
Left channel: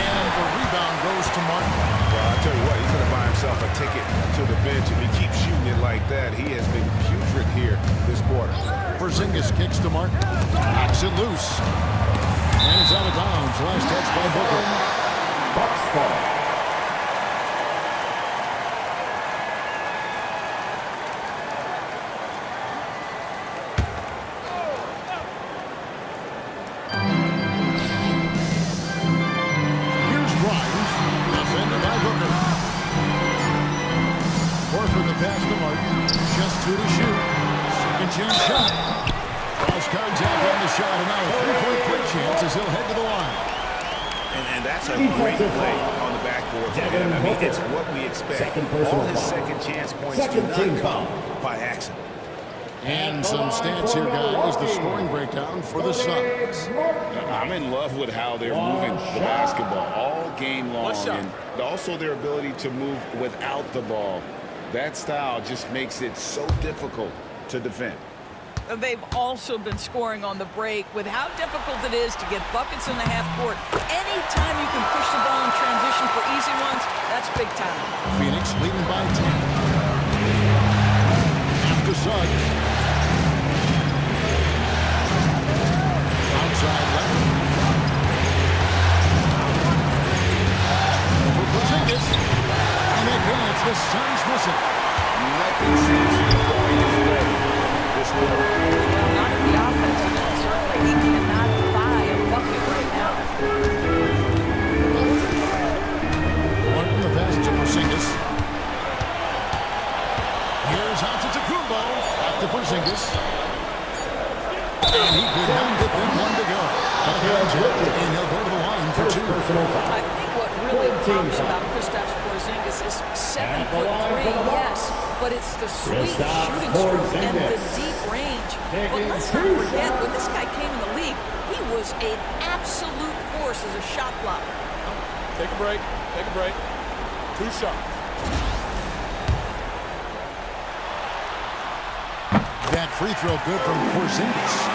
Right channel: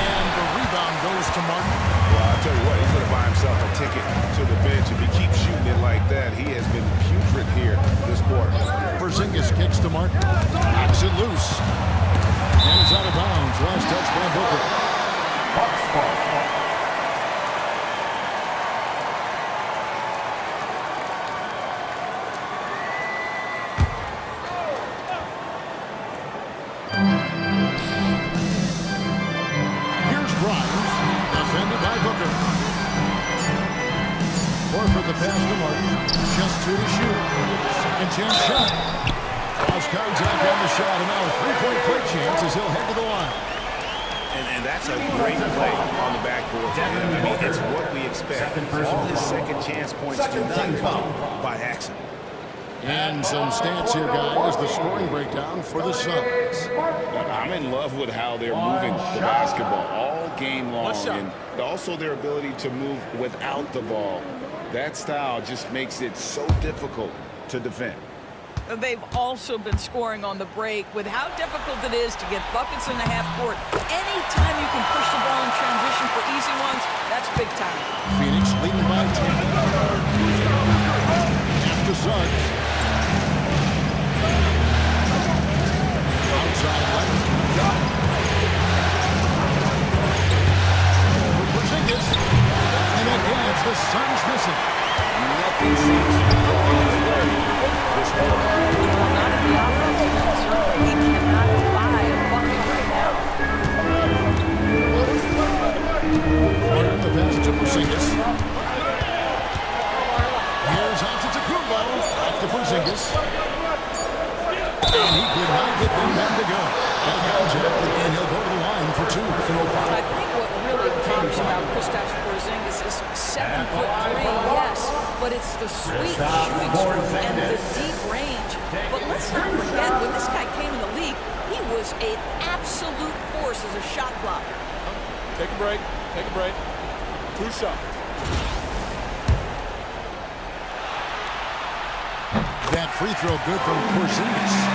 And the rebound goes to Martin. Well, I'll tell you what, he's going to buy himself a ticket to the bench. If he keeps shooting it like that, he has been putrid here this quarter. Porzingis kicks to Martin. Knocks it loose. And it's out of bounds. Last touch by Booker. Bucks ball. Here's Grimes. Defended by Booker. Horford the pass to Martin. Just 2 to shoot. Second chance shot. Lost contact on the shot, and now a 3-point play chance as he'll head to the line. And that's a great play on the backboard for him. I mean, it's what we expect. All his second chance points do not come by accident. And some stats here, guys. The scoring breakdown for the Suns. I'm in love with how they're moving the basketball all game long, and also their ability to move without the ball. That style just makes it so difficult to defend. They've also been scoring on the break with how difficult it is to get buckets in the half court. Anytime you can push the ball in transition for easy ones, that's big time. Phoenix leading by 10. After Suggs. Outside Leonard. For Porzingis. And again, it's the Suns missing. Nothing seems to be going his way this quarter. Well, not in the offensive end, certainly. He cannot buy a bucket right now. Martin, the pass to Porzingis. Here's Antetokounmpo. Back to Porzingis. And he could not get them then to go. Back on Jet, and he'll go to the line for two. I think what really pops about Kristaps Porzingis is 7'3", yes, but it's the sweet shooting stroke and the deep range. But let's not forget, when this guy came in the league, he was an absolute force as a shot blocker. Take a break. Take a break. 2 shots. That free throw good from Porzingis.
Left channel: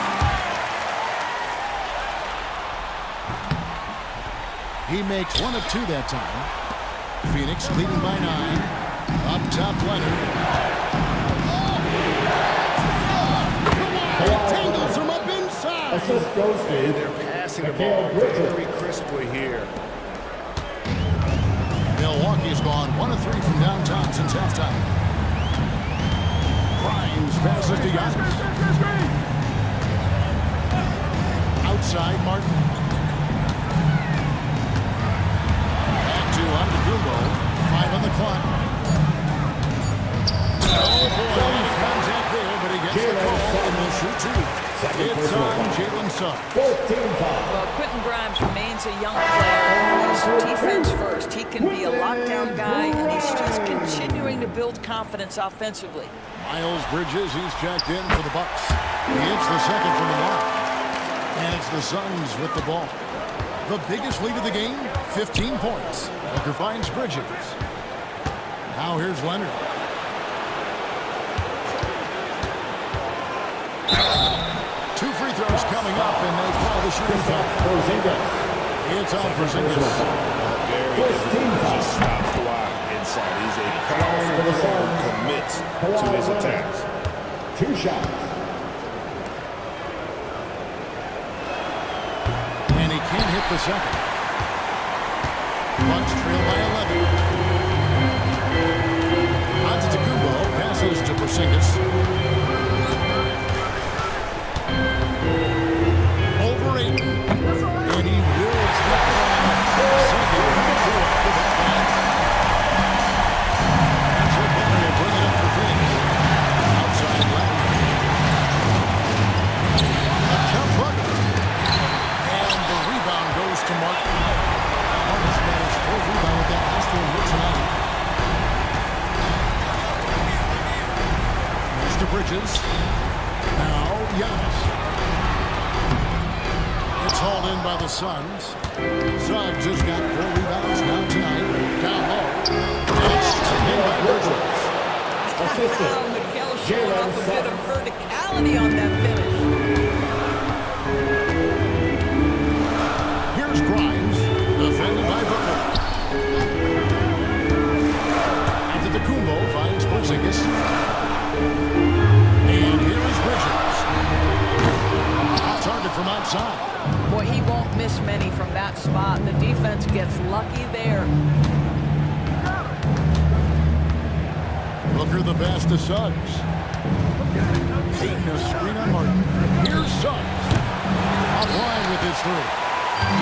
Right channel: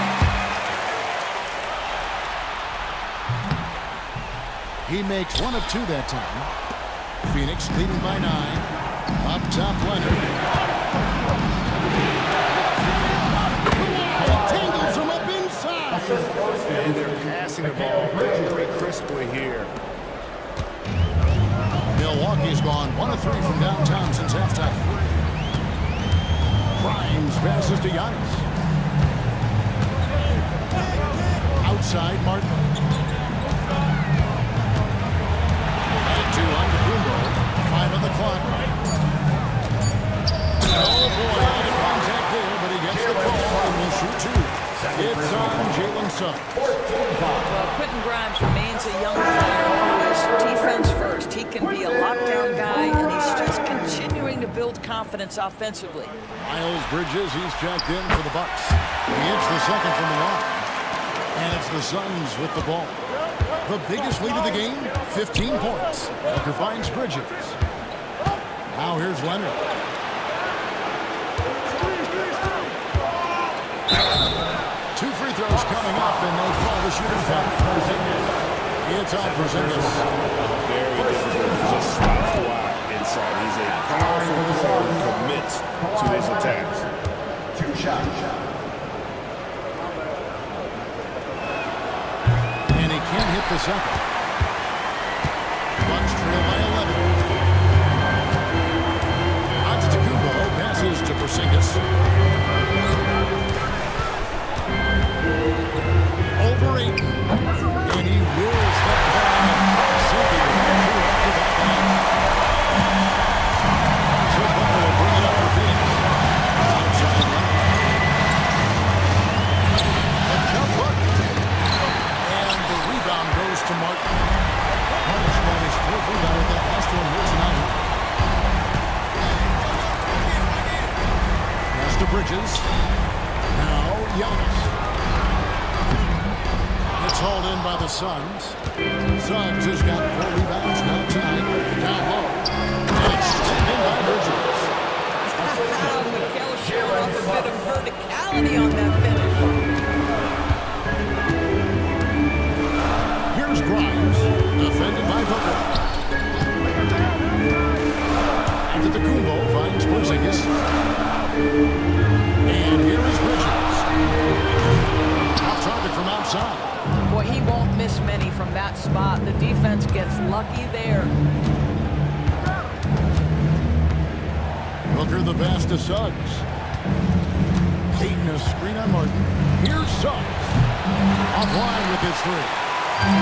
He makes 1 of 2 that time. Phoenix leading by 9. Up top, Leonard. He tangles him up inside. And they're passing the ball very crisply here. Milwaukee's gone 1 of 3 from downtown since halftime. Grimes passes to Giannis. Outside, Martin. Back to Antetokounmpo. 5 on the clock. Oh, boy, a lot of contact there, but he gets the call and will shoot 2. It's on Jalen Suggs. Well, Quentin Grimes remains a young player who is defense first. He can be a lockdown guy, and he's just continuing to build confidence offensively. Miles Bridges, he's checked in for the Bucks. He hits the second from the line. And it's the Suns with the ball. The biggest lead of the game, 15 points. Booker finds Bridges. Now here's Leonard. Two free throws coming up, and they call the shooting foul. It's on Porzingis. Very difficult to just stop Kawhi inside. He's a powerful player who commits to his attacks. 2 shots. And he can't hit the second. Bucks trail by 11. Antetokounmpo passes to Porzingis. Over Ayton. And he wills that ball. Sinking right through off the back line. So Butler will bring it up for Phoenix. Outside Leonard. A jump hook. And the rebound goes to Martin. Martin's got his 4th rebound with that last one here tonight. Pass to Bridges. Now Giannis. It's hauled in by the Suns. Suggs has got 4 rebounds now tonight. Down low. And it's slammed in by Bridges. Mikal showing off a bit of verticality on that finish. Here's Grimes, defended by Booker. Antetokounmpo finds Porzingis. And here is Bridges. Off target from outside. Boy, he won't miss many from that spot. The defense gets lucky there. Booker the pass to Suggs. Payton a screen on Martin. Here's Suggs. Offline with his 3.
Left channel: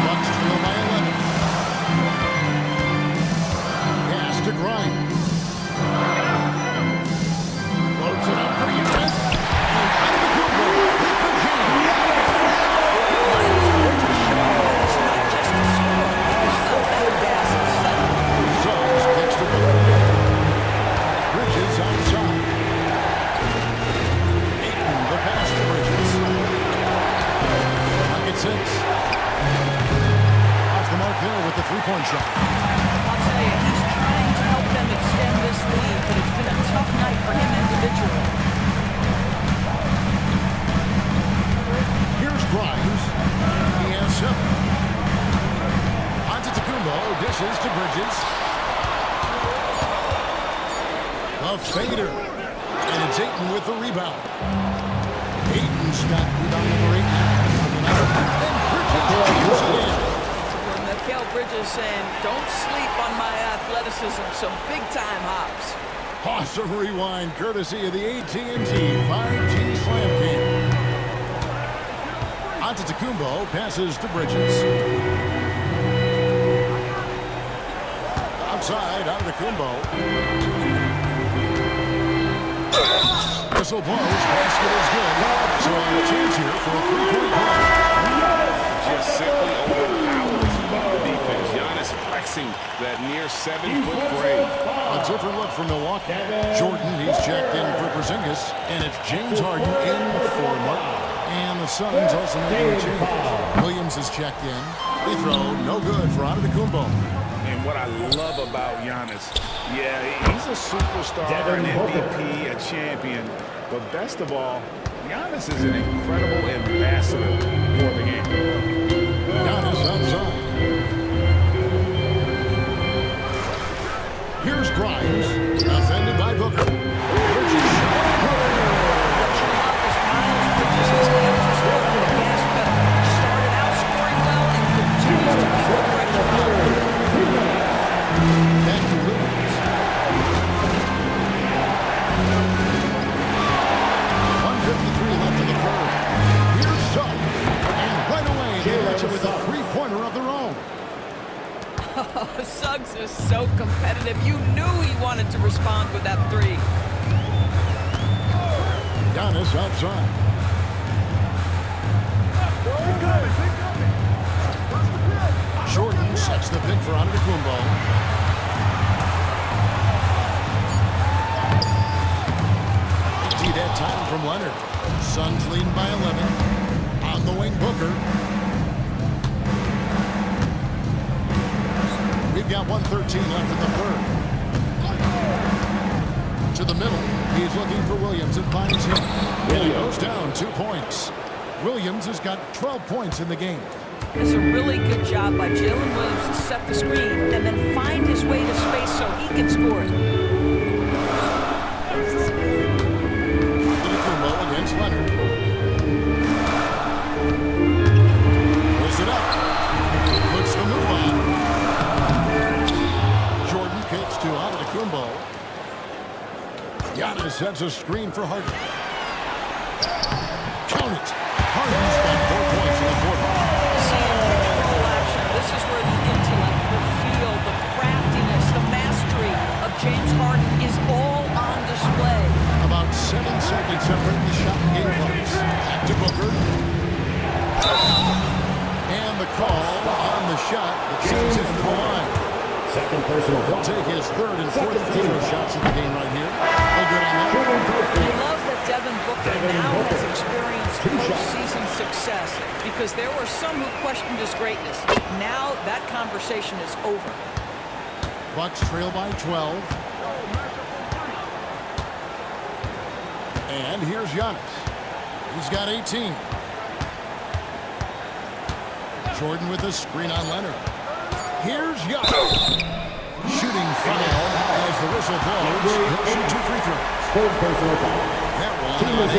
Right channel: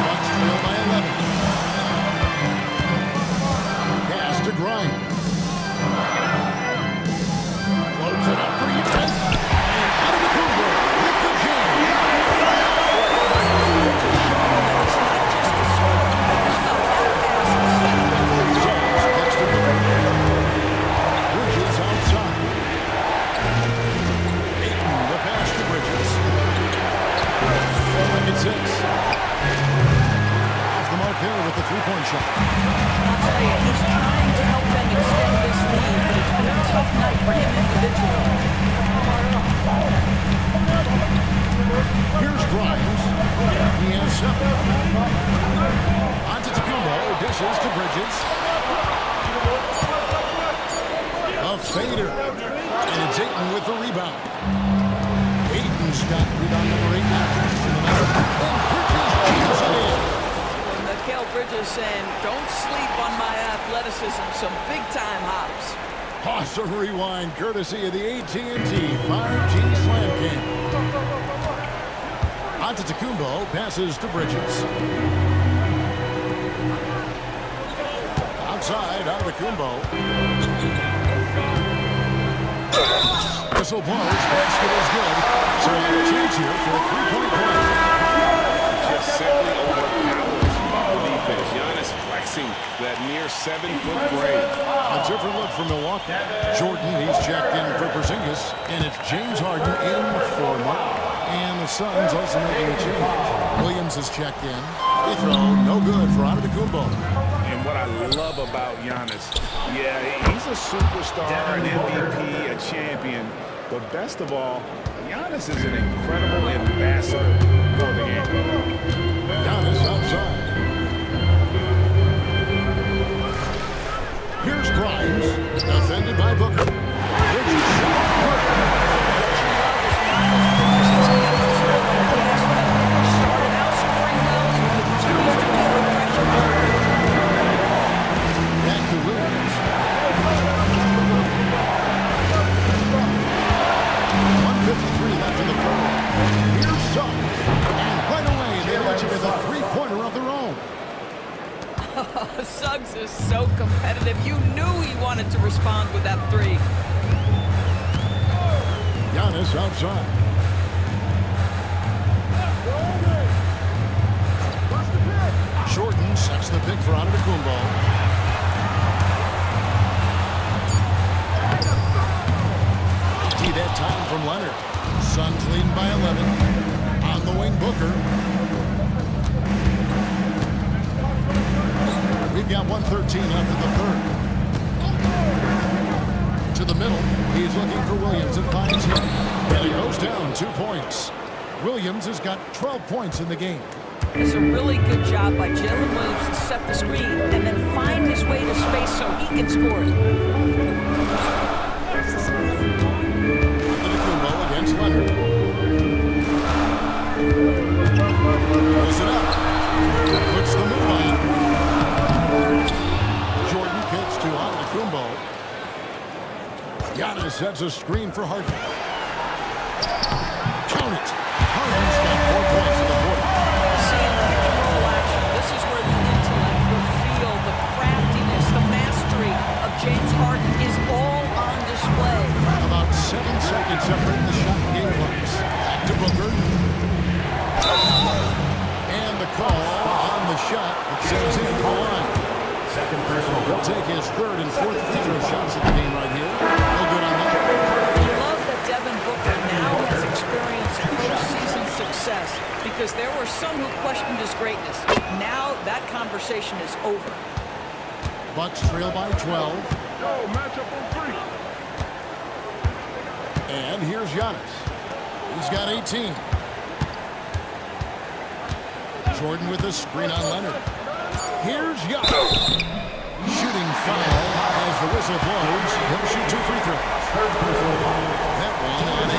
Bucks trail by 11. Pass to Grimes. Floats it up for Giannis. And Antetokounmpo with the jam. Miles Bridges showing that it's not just a score, but how about that pass and setup? Suggs kicks to Booker. Bridges outside. Ayton three-point shot. I'll tell you, he's trying to help them extend this lead, but it's been a tough night for him individually. Here's Grimes. He has 7. Antetokounmpo dishes to Bridges. A fader. And it's Ayton with the rebound. Ayton's got rebound number 8 now on the night. And Bridges jams it in. Well, Mikal Bridges saying, don't sleep on my athleticism, some big-time hops. Awesome rewind courtesy of the AT&T 5G Slam Cam. Antetokounmpo passes to Bridges. Outside, Antetokounmpo. Whistle blows, basket is good. So a chance here for a three-point play. Just simply overpowers the defense. Giannis flexing that near 7-foot frame. A different look for Milwaukee. Jordan, he's checked in for Porzingis. And it's James Harden in for Martin. And the Suns also making a change. Williams is checked in. Free throw, no good for Antetokounmpo. And what I love about Giannis, yeah, he's a superstar, an MVP, a champion. But best of all, Giannis is an incredible ambassador for the game. Giannis outside. Here's Grimes, defended by Booker. Bridges shot, good. What you love is Miles Bridges has kept his foot on the gas pedal. Started out scoring well and continues to keep the pressure on. Back to Williams. 1:53 left in the third. Here's Suggs. And right away, they launch it with a three-pointer of their own. Suggs is so competitive. You knew he wanted to respond with that three. Giannis outside. Jordan sets the pick for Antetokounmpo. That time from Leonard. Suns leading by 11. On the wing, Booker. We've got 1:13 left in the third. To the middle. He's looking for Williams and finds him. And he goes down 2 points. Williams has got 12 points in the game. It's a really good job by Jalen Williams to set the screen and then find his way to space so he can score it. Against Leonard. Pulls it up. Puts the move on. Jordan kicks to Antetokounmpo. Giannis sets a screen for Harden. Count it. Harden's got 4 points in the quarter. See, in pick and roll action, this is where the intellect, the feel, the craftiness, the mastery of James Harden is all on display. About 7 seconds separating the shot and game clocks. Back to Booker. And the call on the shot that sends him to the line. Second personal. He'll take his third and fourth free throw shots of the game right here. No good on that. You love that Devin Booker now has experienced postseason success because there were some who questioned his greatness. Now that conversation is over. Bucks trail by 12. And here's Giannis. He's got 18. Jordan with a screen on Leonard. Here's Giannis. Shooting foul as the whistle blows. He'll shoot 2 free throws. Third personal foul. That one on 8.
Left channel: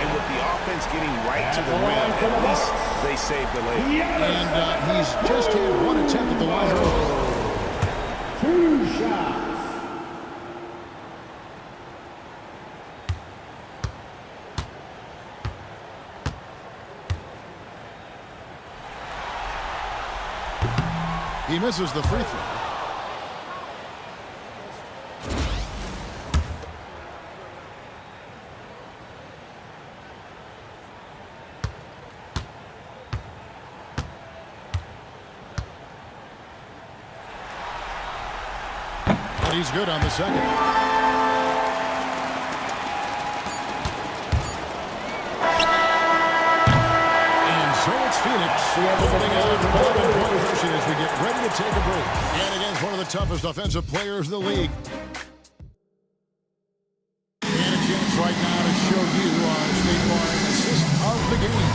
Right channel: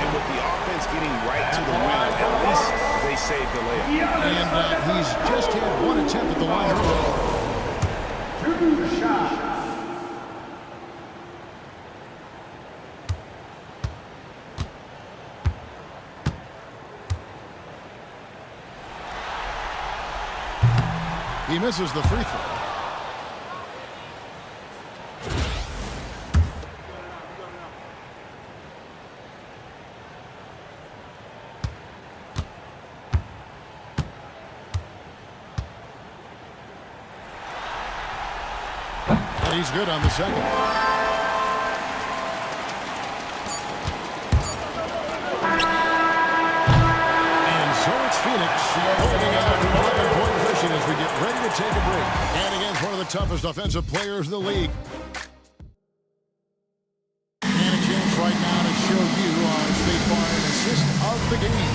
And with the offense getting right to the rim, at least they saved the layup. And he's just had 1 attempt at the line earlier. 2 shots. He misses the free throw. But he's good on the second. And So it's Phoenix holding on to an 11-point cushion as we get ready to take a break. And against one of the toughest offensive players in the league. And a chance right now to show you our State Farm assist of the game.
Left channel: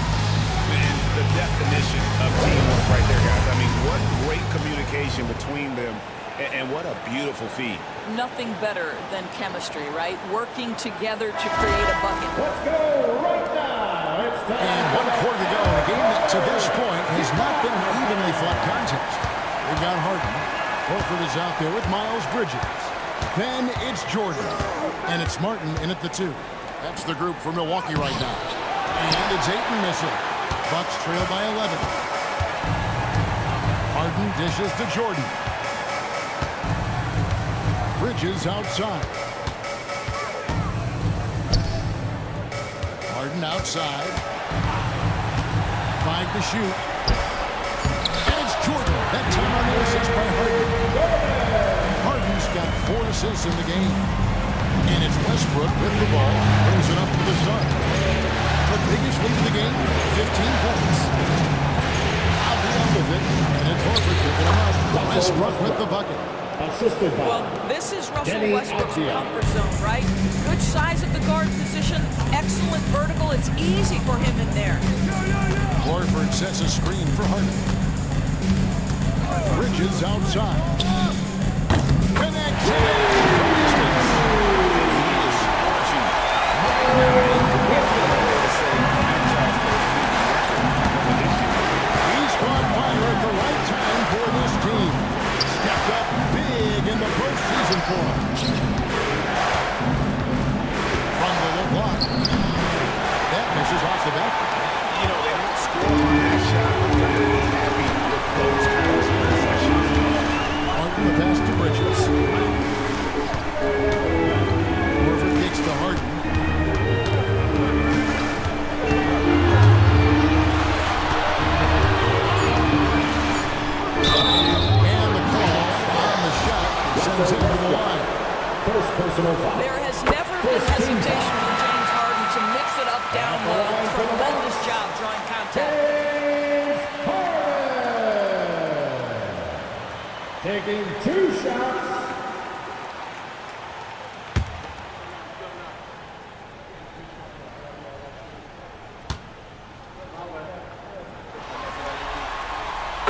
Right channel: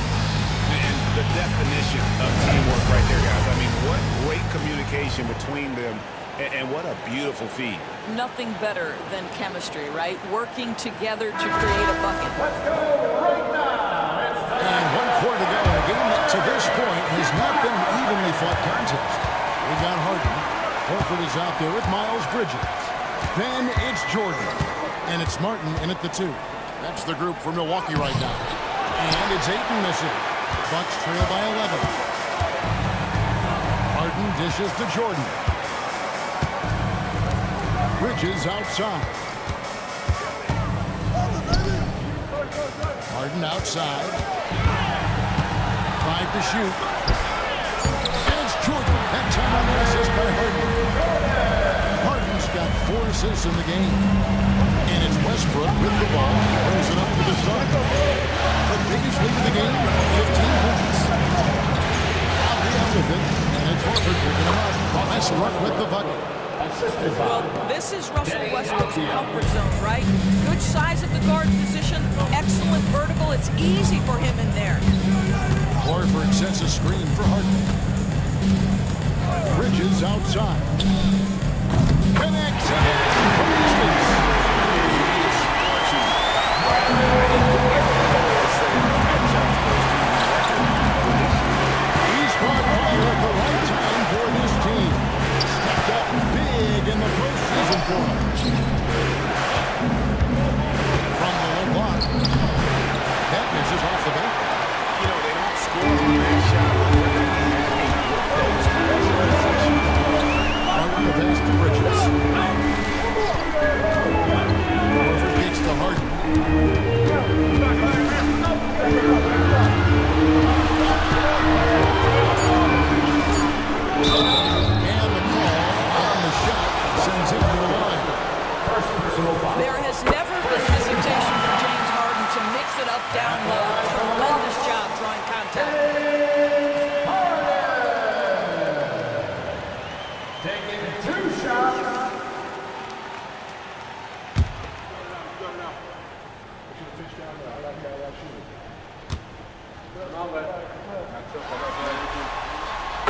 And the definition of teamwork right there, guys. I mean, what great communication between them, and what a beautiful feed. Nothing better than chemistry, right? Working together to create a bucket. Let's go right now. It's time. And 1 quarter to go in a game that to this point has not been an evenly fought contest. We got Harden. Horford is out there with Miles Bridges. Then it's Jordan. And it's Martin in at the 2. That's the group for Milwaukee right now. And it's Ayton missing. Bucks trail by 11. Harden dishes to Jordan. Bridges outside. Harden outside. 5 to shoot. And it's Jordan. That time on the assist by Harden. Harden's got 4 assists in the game. And it's Westbrook with the ball. Brings it up to the Suns. The biggest lead of the game, 15 points. Out with it. And it's Horford picking him up. Westbrook with the bucket. Well, this is Russell Westbrook's comfort zone, right? Good size at the guard position, excellent vertical. It's easy for him in there. Horford sets a screen for Harden. Bridges outside. Connects again from distance. And he is scorching right now. He could be on his way to setting franchise postseason record with this year. He's caught fire at the right time for this team. Stepped up big in the postseason for him. From the low block. That misses off the back. You know, they don't score on that shot, but they're going to be happy with those kinds of possessions. Harden the pass to Bridges. Horford kicks to Harden. And the call on the shot sends him to the line. First personal foul. There has never been hesitation for James Harden to mix it up down low. Tremendous job drawing contact. James Harden. Taking 2 shots.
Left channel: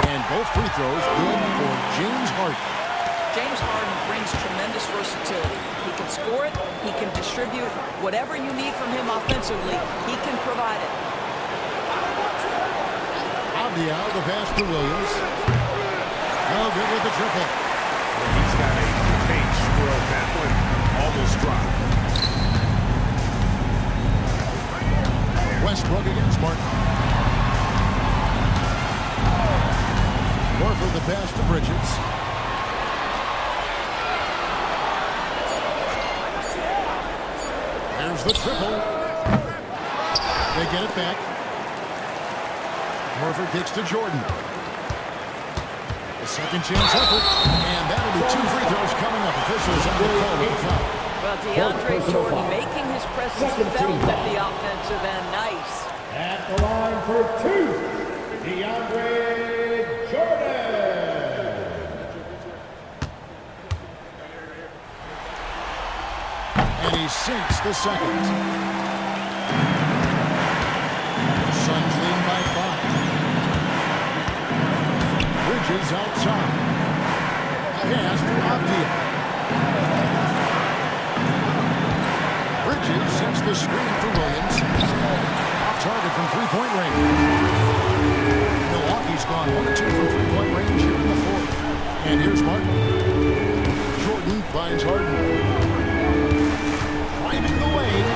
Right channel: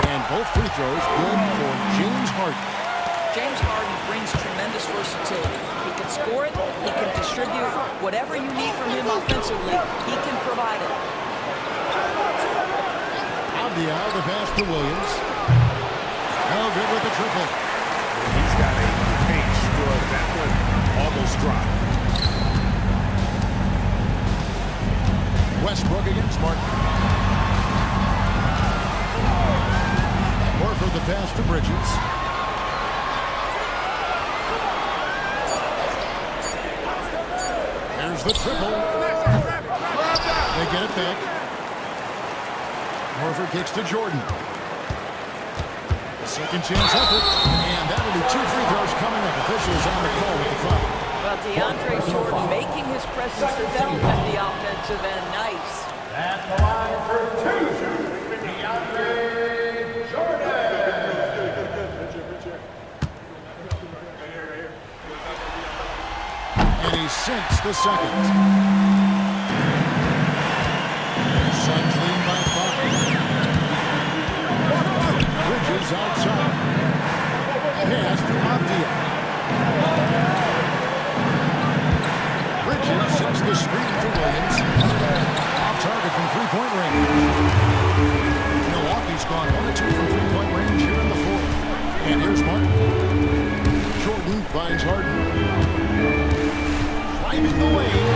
And both free throws good for James Harden. James Harden brings tremendous versatility. He can score it, he can distribute. Whatever you need from him offensively, he can provide it. Avdia, the pass to Williams. No good with the triple. Yeah, he's got a great stroke. That one almost dropped. Westbrook against Martin. Horford the pass to Bridges. There's the triple. They get it back. Horford kicks to Jordan. The second chance effort. And that'll be 2 free throws coming up. Officials on the call with the foul. Well, DeAndre Jordan making his presence felt at the offensive end. Nice. At the line for 2, DeAndre Jordan. And he sinks the second. Suns lead by 5. Bridges outside. Pass to Avdia. Bridges sets the screen for Williams. Off target from three-point range. Milwaukee's gone 1 of 2 from three-point range here in the 4th. And here's Martin. Jordan finds Harden. Driving the lane.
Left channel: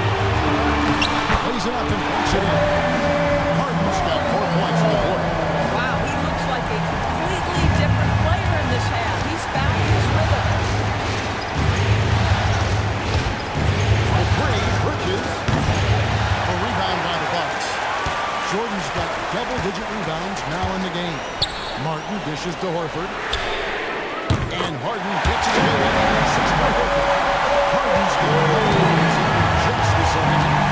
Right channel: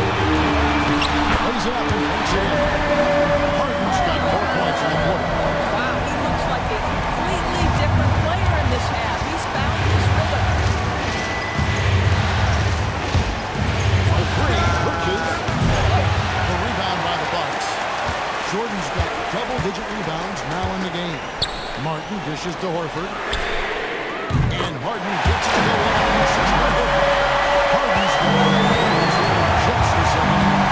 Lays it up and banks it in. Harden's got 4 points in the quarter. Wow, he looks like a completely different player in this half. He's found his rhythm. A three, Bridges. A rebound by the Bucks. Jordan's got double-digit rebounds now in the game. Martin dishes to Horford. And Harden gets it to go in on the assist by Horford. Harden's got 11 points in just the second half.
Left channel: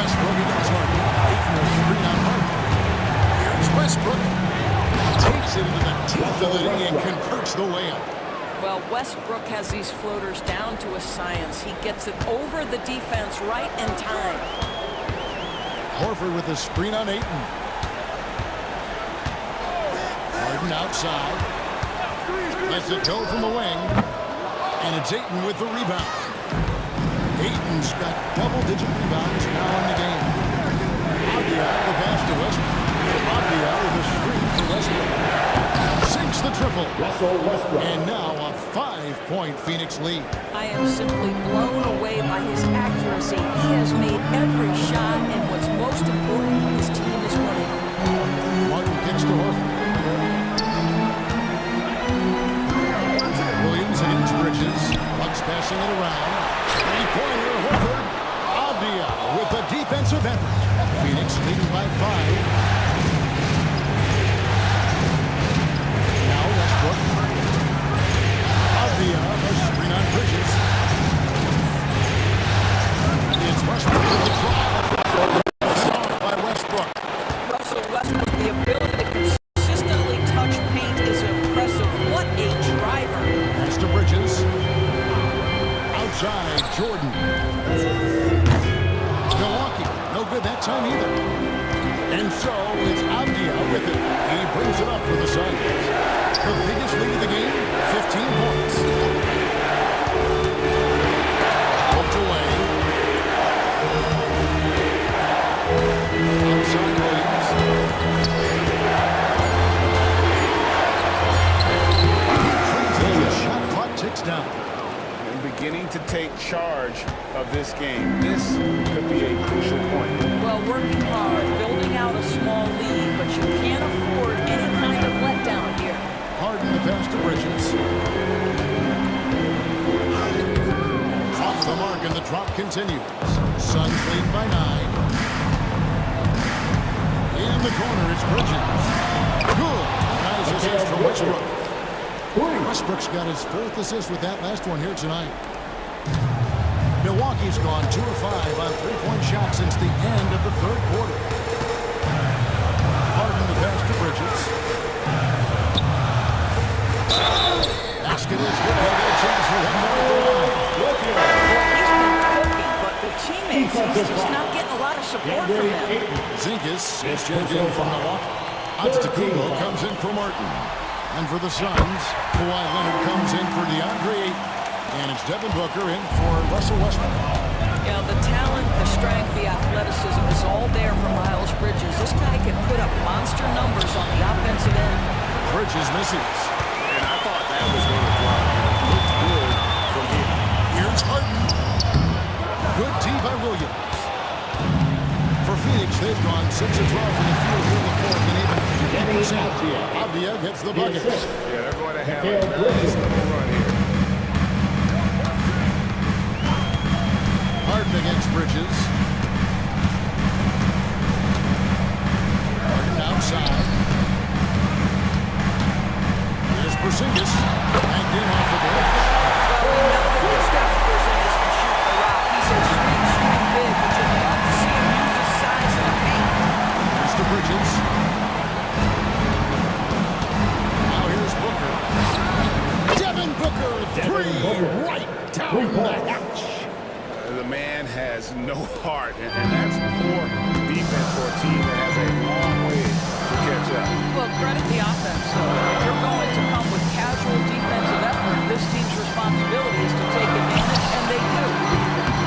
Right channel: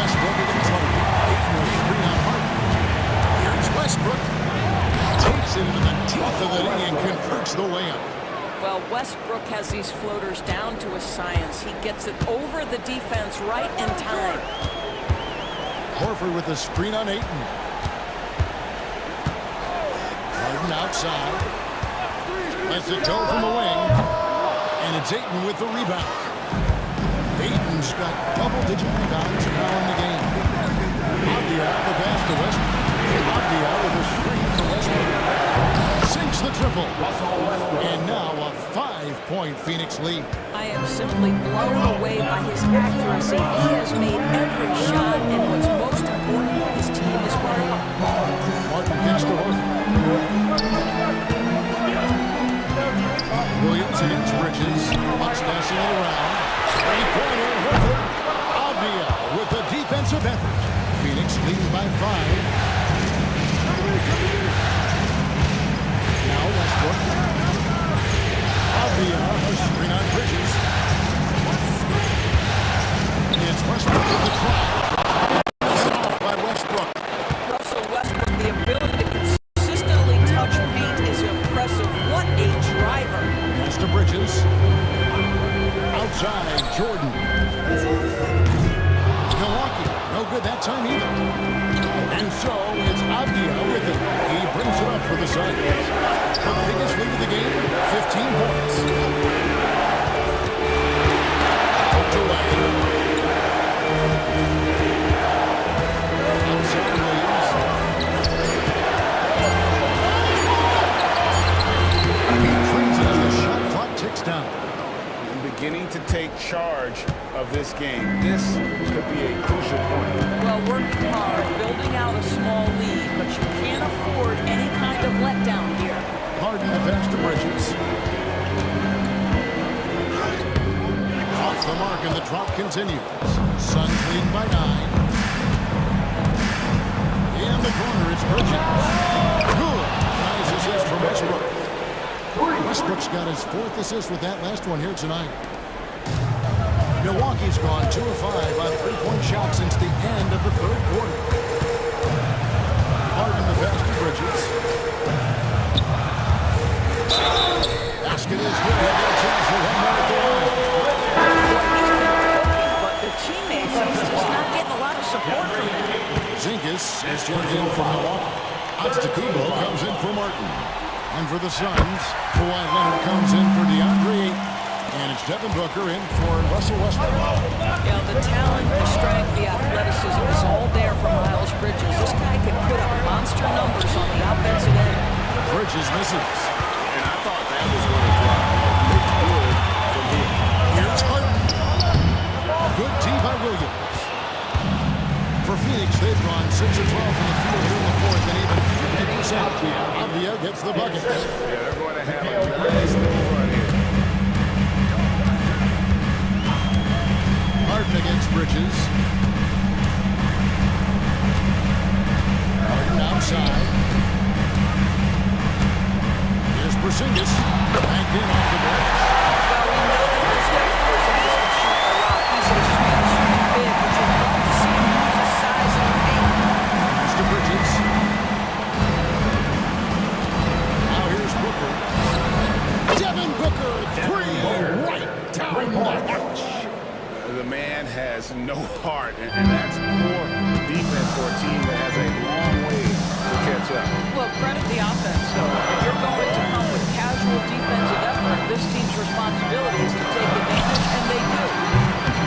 Westbrook against Harden. Ayton will screen on Harden. Here's Westbrook. Takes it into the teeth of the knee and converts the layup. Well, Westbrook has these floaters down to a science. He gets it over the defense right in time. Horford with the screen on Ayton. Harden outside. Lets it go from the wing. And it's Ayton with the rebound. Ayton's got double-digit rebounds now in the game. Avdia, the pass to Westbrook. Avdia with a screen for Westbrook. Sinks the triple. And now a 5-point Phoenix lead. I am simply blown away by his accuracy. He has made every shot, and what's most important, his team is winning. Martin kicks to Horford. Williams against Bridges. Bucks passing it around. Three-pointer, Horford. Avdia with the defensive effort. Phoenix leading by 5. Now Westbrook. Avdia, a screen on Bridges. It's Westbrook with the try. Cut off by Westbrook. Russell Westbrook, the ability to consistently touch paint is impressive. What a driver. Pass to Bridges. Outside, Jordan. Milwaukee, no good that time either. And so it's Avdia with it. He brings it up for the Suns. The biggest lead of the game, 15 points. Poked away. Outside Williams. He trains it as the shot clock ticks down. And beginning to take charge of this game. This could be a crucial point. Well, working hard, building out a small lead, but you can't afford any kind of letdown here. Harden the pass to Bridges. Off the mark and the drop continues. Suns lead by 9. In the corner, it's Bridges. Good. Nice assist from Westbrook. Westbrook's got his 4th assist with that last one here tonight. Milwaukee's gone 2 of 5 on 3-point shots since the end of the 3rd quarter. Harden the pass to Bridges. Basket is good. He'll get a chance for one more at the line. Boy, he's been cooking, but the teammates, he's just not getting a lot of support from them. Zinkas is checked in for Milwaukee. Antetokounmpo comes in for Martin. And for the Suns, Kawhi Leonard comes in for DeAndre Ayton. And it's Devin Booker in for Russell Westbrook. Yeah, the talent, the strength, the athleticism is all there for Miles Bridges. This guy can put up monster numbers on the offensive end. Bridges misses. And I thought that was going to drop. It looked good from here. Here's Harden. Good D by Williams. For Phoenix, they've gone 6 of 12 from the field here in the 4th and even 50%. Avdia gets the bucket. Yeah, they're going to have a nice little run here. Harden against Bridges. Harden outside. Here's Porzingis. Banked in off the bench. Well, we know that Kristaps Porzingis can shoot the rock. He's a street shooting big, but you'd love to see him use his size in the paint. Here's to Bridges. Now here's Booker. Devin Booker, 3 right down the hatch. The man has no heart, and that's poor defense for a team that has a long way to catch up. Well, credit the offense, though. If you're going to come with casual defensive effort, this team's responsibility is to take advantage, and they do.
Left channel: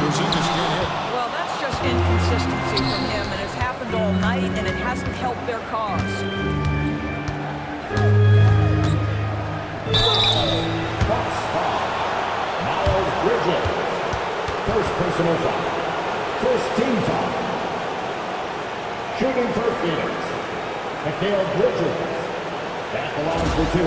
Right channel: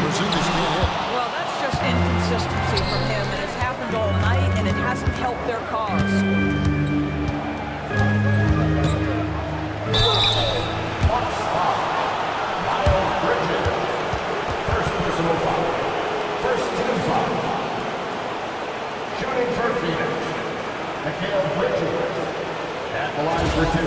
Porzingis can't hit. Well, that's just inconsistency from him, and it's happened all night, and it hasn't helped their cause. Bucks foul. Miles Bridges. First personal foul. First team foul. Shooting for Phoenix. Mikal Bridges. At the line for 2.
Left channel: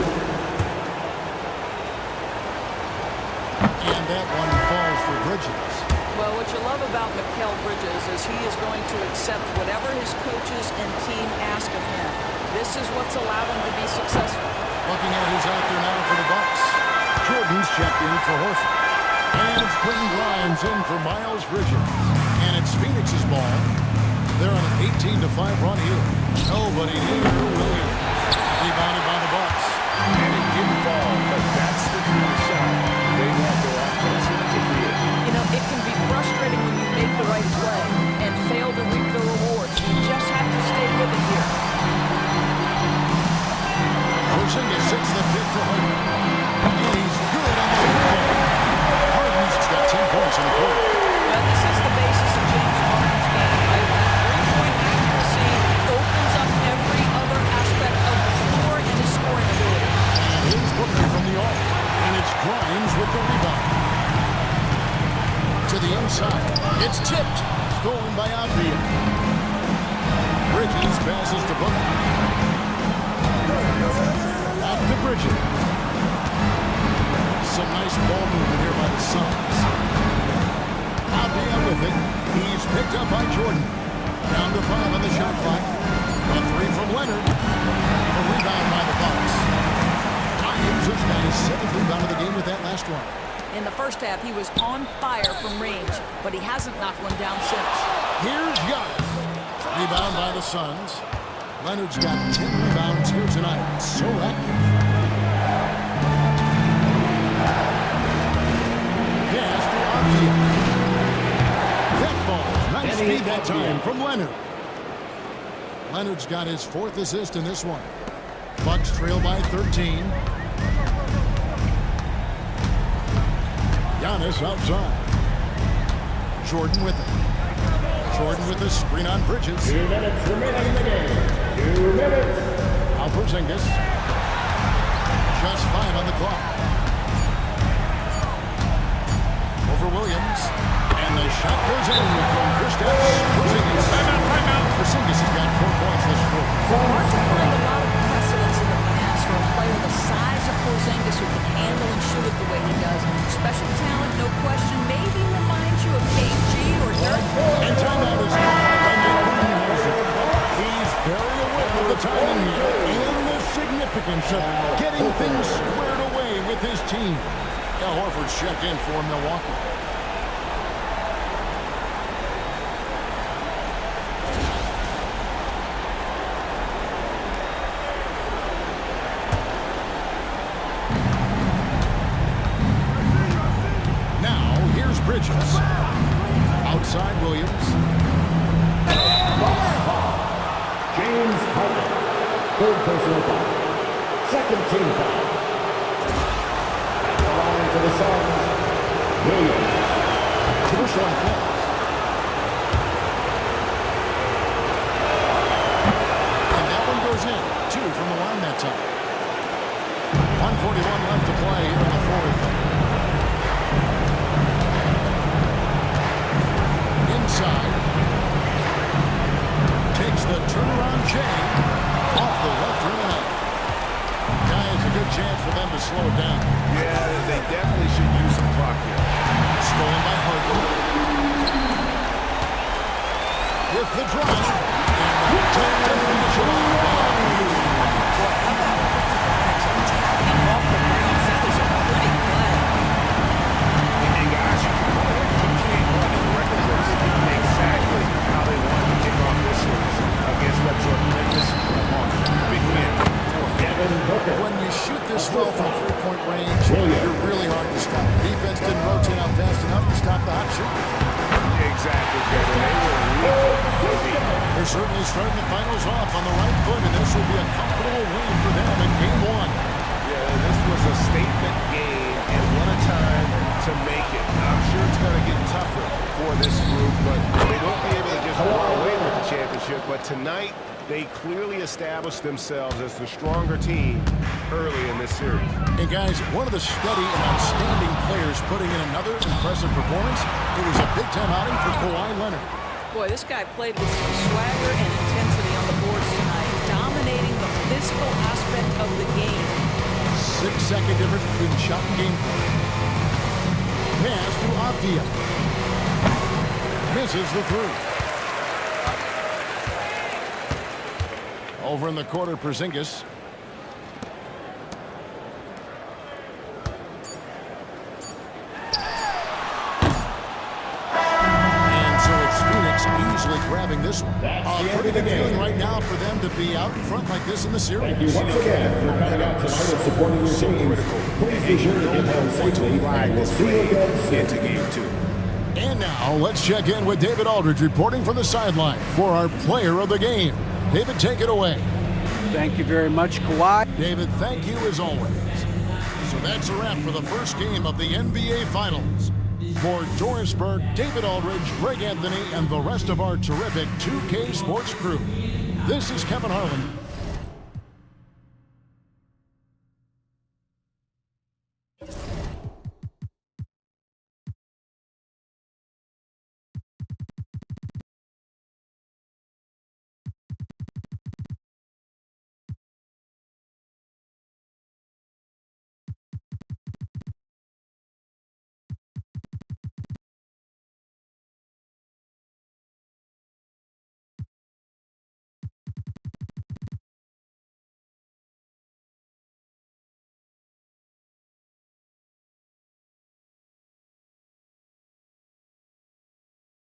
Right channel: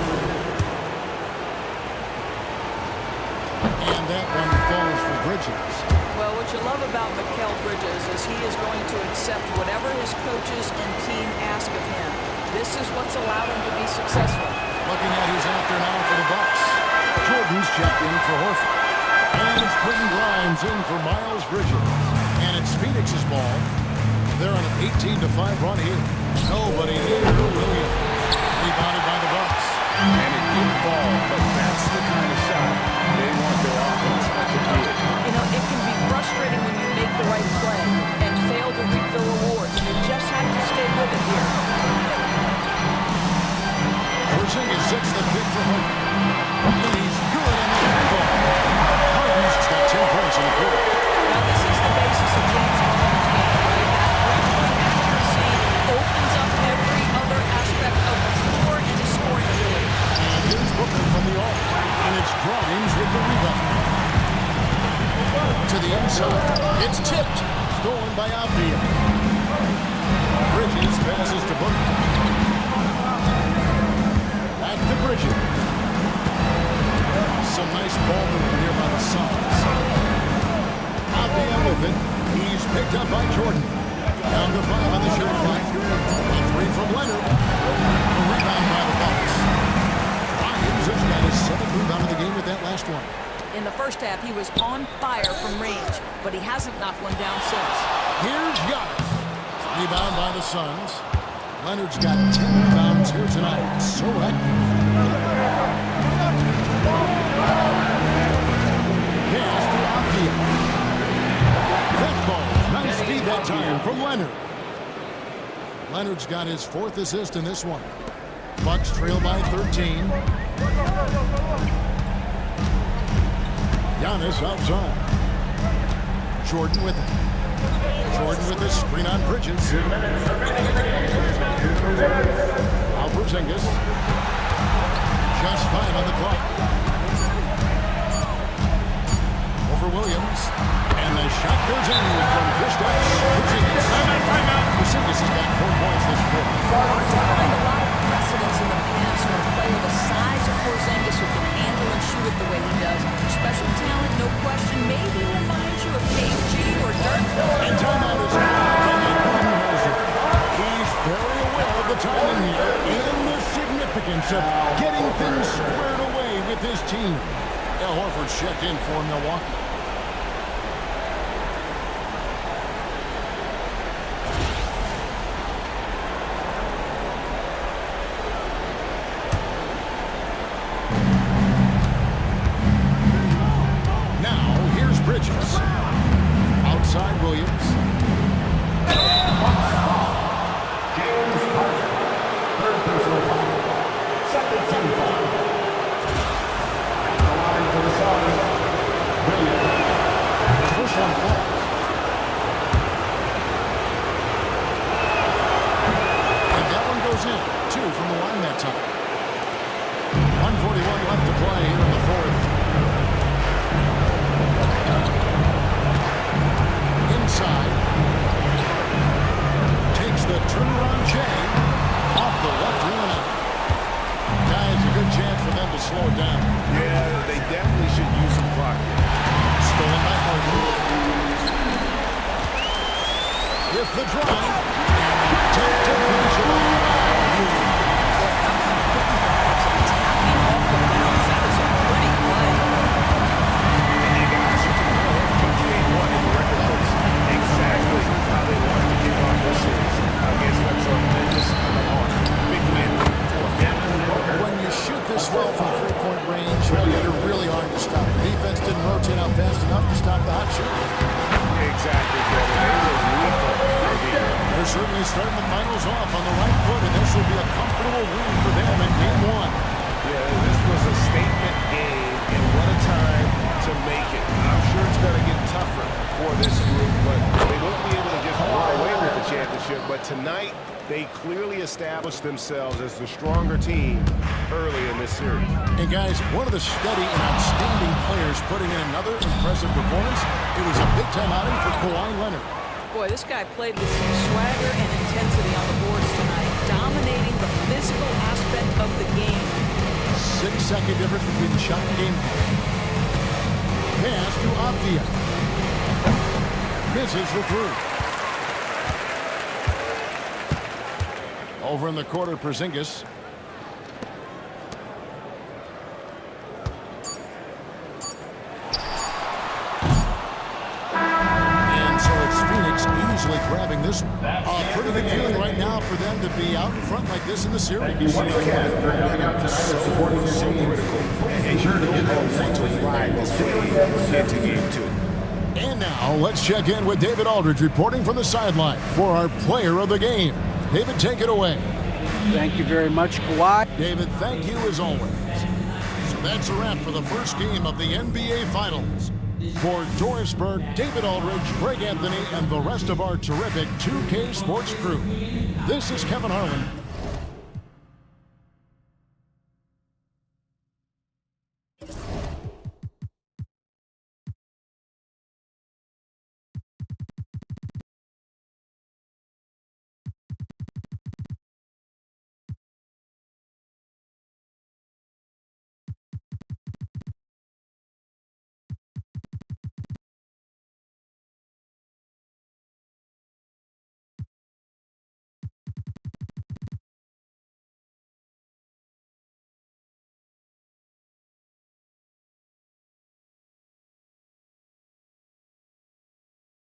And that one falls for Bridges. Well, what you love about Mikal Bridges is he is going to accept whatever his coaches and team ask of him. This is what's allowed him to be successful. Looking at who's out there now for the Bucks. Jordan's checked in for Horford. And it's Quentin Grimes in for Miles Bridges. And it's Phoenix's ball. They're on an 18-5 run here. Nobody near Williams. Rebounded by the Bucks. And it didn't fall, but that's the kind of shot they want their offense to create. You know, it can be frustrating when you make the right play and fail to reap the rewards. You just have to stay with it here. Porzingis sits the pick for Harden. And he's good on the three ball. Harden's got 10 points in the quarter. Now, this is the basis of James Harden's game, right? That three-point accuracy opens up every other aspect of the floor and his scoring ability. And here's Booker from the arc. And it's Grimes with the rebound. To the inside. It's tipped. Stolen by Avdia. Bridges passes to Booker. Back to Bridges. Some nice ball movement here by the Suns. Avdia with it. He's picked up by Jordan. Down to 5 on the shot clock. A three from Leonard. A rebound by the Bucks. Grimes has got his 7th rebound of the game with that last one. In the first half, he was on fire from range, but he hasn't knocked one down since. Here's Giannis. Rebound by the Suns. Leonard's got 10 rebounds here tonight. So active. Pass to Avdia. That ball. Nice speed that time from Leonard. Leonard's got his 4th assist in this one. Bucks trail by 13. Giannis outside. Jordan with it. Jordan with a screen on Bridges. 2 minutes remaining in the game. 2 minutes. Now Porzingis. Just 5 on the clock. Over Williams. And the shot goes in from Kristaps Porzingis. Timeout. Porzingis has got 4 points this quarter. Hard to find a lot of precedence in the past for a player the size of Porzingis who can handle and shoot it the way he does. Special talent, no question. Maybe reminds you of KG or Dirk. And timeout is called by Mike Budenholzer. He's very aware of the timing here and the significance of getting things squared away with his team. Al Horford's checked in for Milwaukee. Bridges. Outside Williams. James Harden. 3rd personal foul. 2nd team foul. At the line to the Suns. Williams. The first one falls. And that one goes in. 2 from the line that time. 1:41 left to play here in the 4th. Inside. Takes the turnaround J off the left rim and out. Guys, a good chance for them to slow it down. Yeah, they definitely should use some clock here. Stolen by Harden. With the drive. And the dunk to finish it off. Boy, how about Quickie Grimes tapping off the bounce? That is a pretty play. And guys, you can go ahead and put game 1 in the record books. Exactly how they wanted to kick off this series against a tremendous opponent. Big win for them. When you shoot this well from 3-point range, you're really hard to stop. The defense didn't rotate out fast enough to stop the hot shooter. Exactly, Kevin. They were lethal indeed. They're certainly starting the finals off on the right foot, and this will be a comfortable win for them in Game 1. Yeah, this was a statement game, and what a time to make it. I'm sure it's going to get tougher for this group, but they won't be able to just run away with the championship. But tonight, they clearly established themselves as the stronger team early in this series. And guys, one of the steady and outstanding players putting in another impressive performance. It was a big-time outing for Kawhi Leonard. Boy, this guy played with some swagger and intensity on the boards tonight, dominating the physical aspect of the game. 6-second difference between the shot and game play. Pass to Avdia. Misses the 3. Over in the quarter, Porzingis. And so it's easily grabbing this one. A pretty good feeling right now for them to be out in front like this in the series. Once again, momentum so critical. And you know they'll want to ride this wave into game 2. And now let's check in with David Aldridge reporting from the sideline for our player of the game. David, take it away. Thank you very much, Kawhi. David, thank you as always. So that's a wrap for the first game of the NBA Finals. For Doris Burke, David Aldridge, Greg Anthony, and the rest of our terrific 2K Sports crew, this is Kevin Harlan.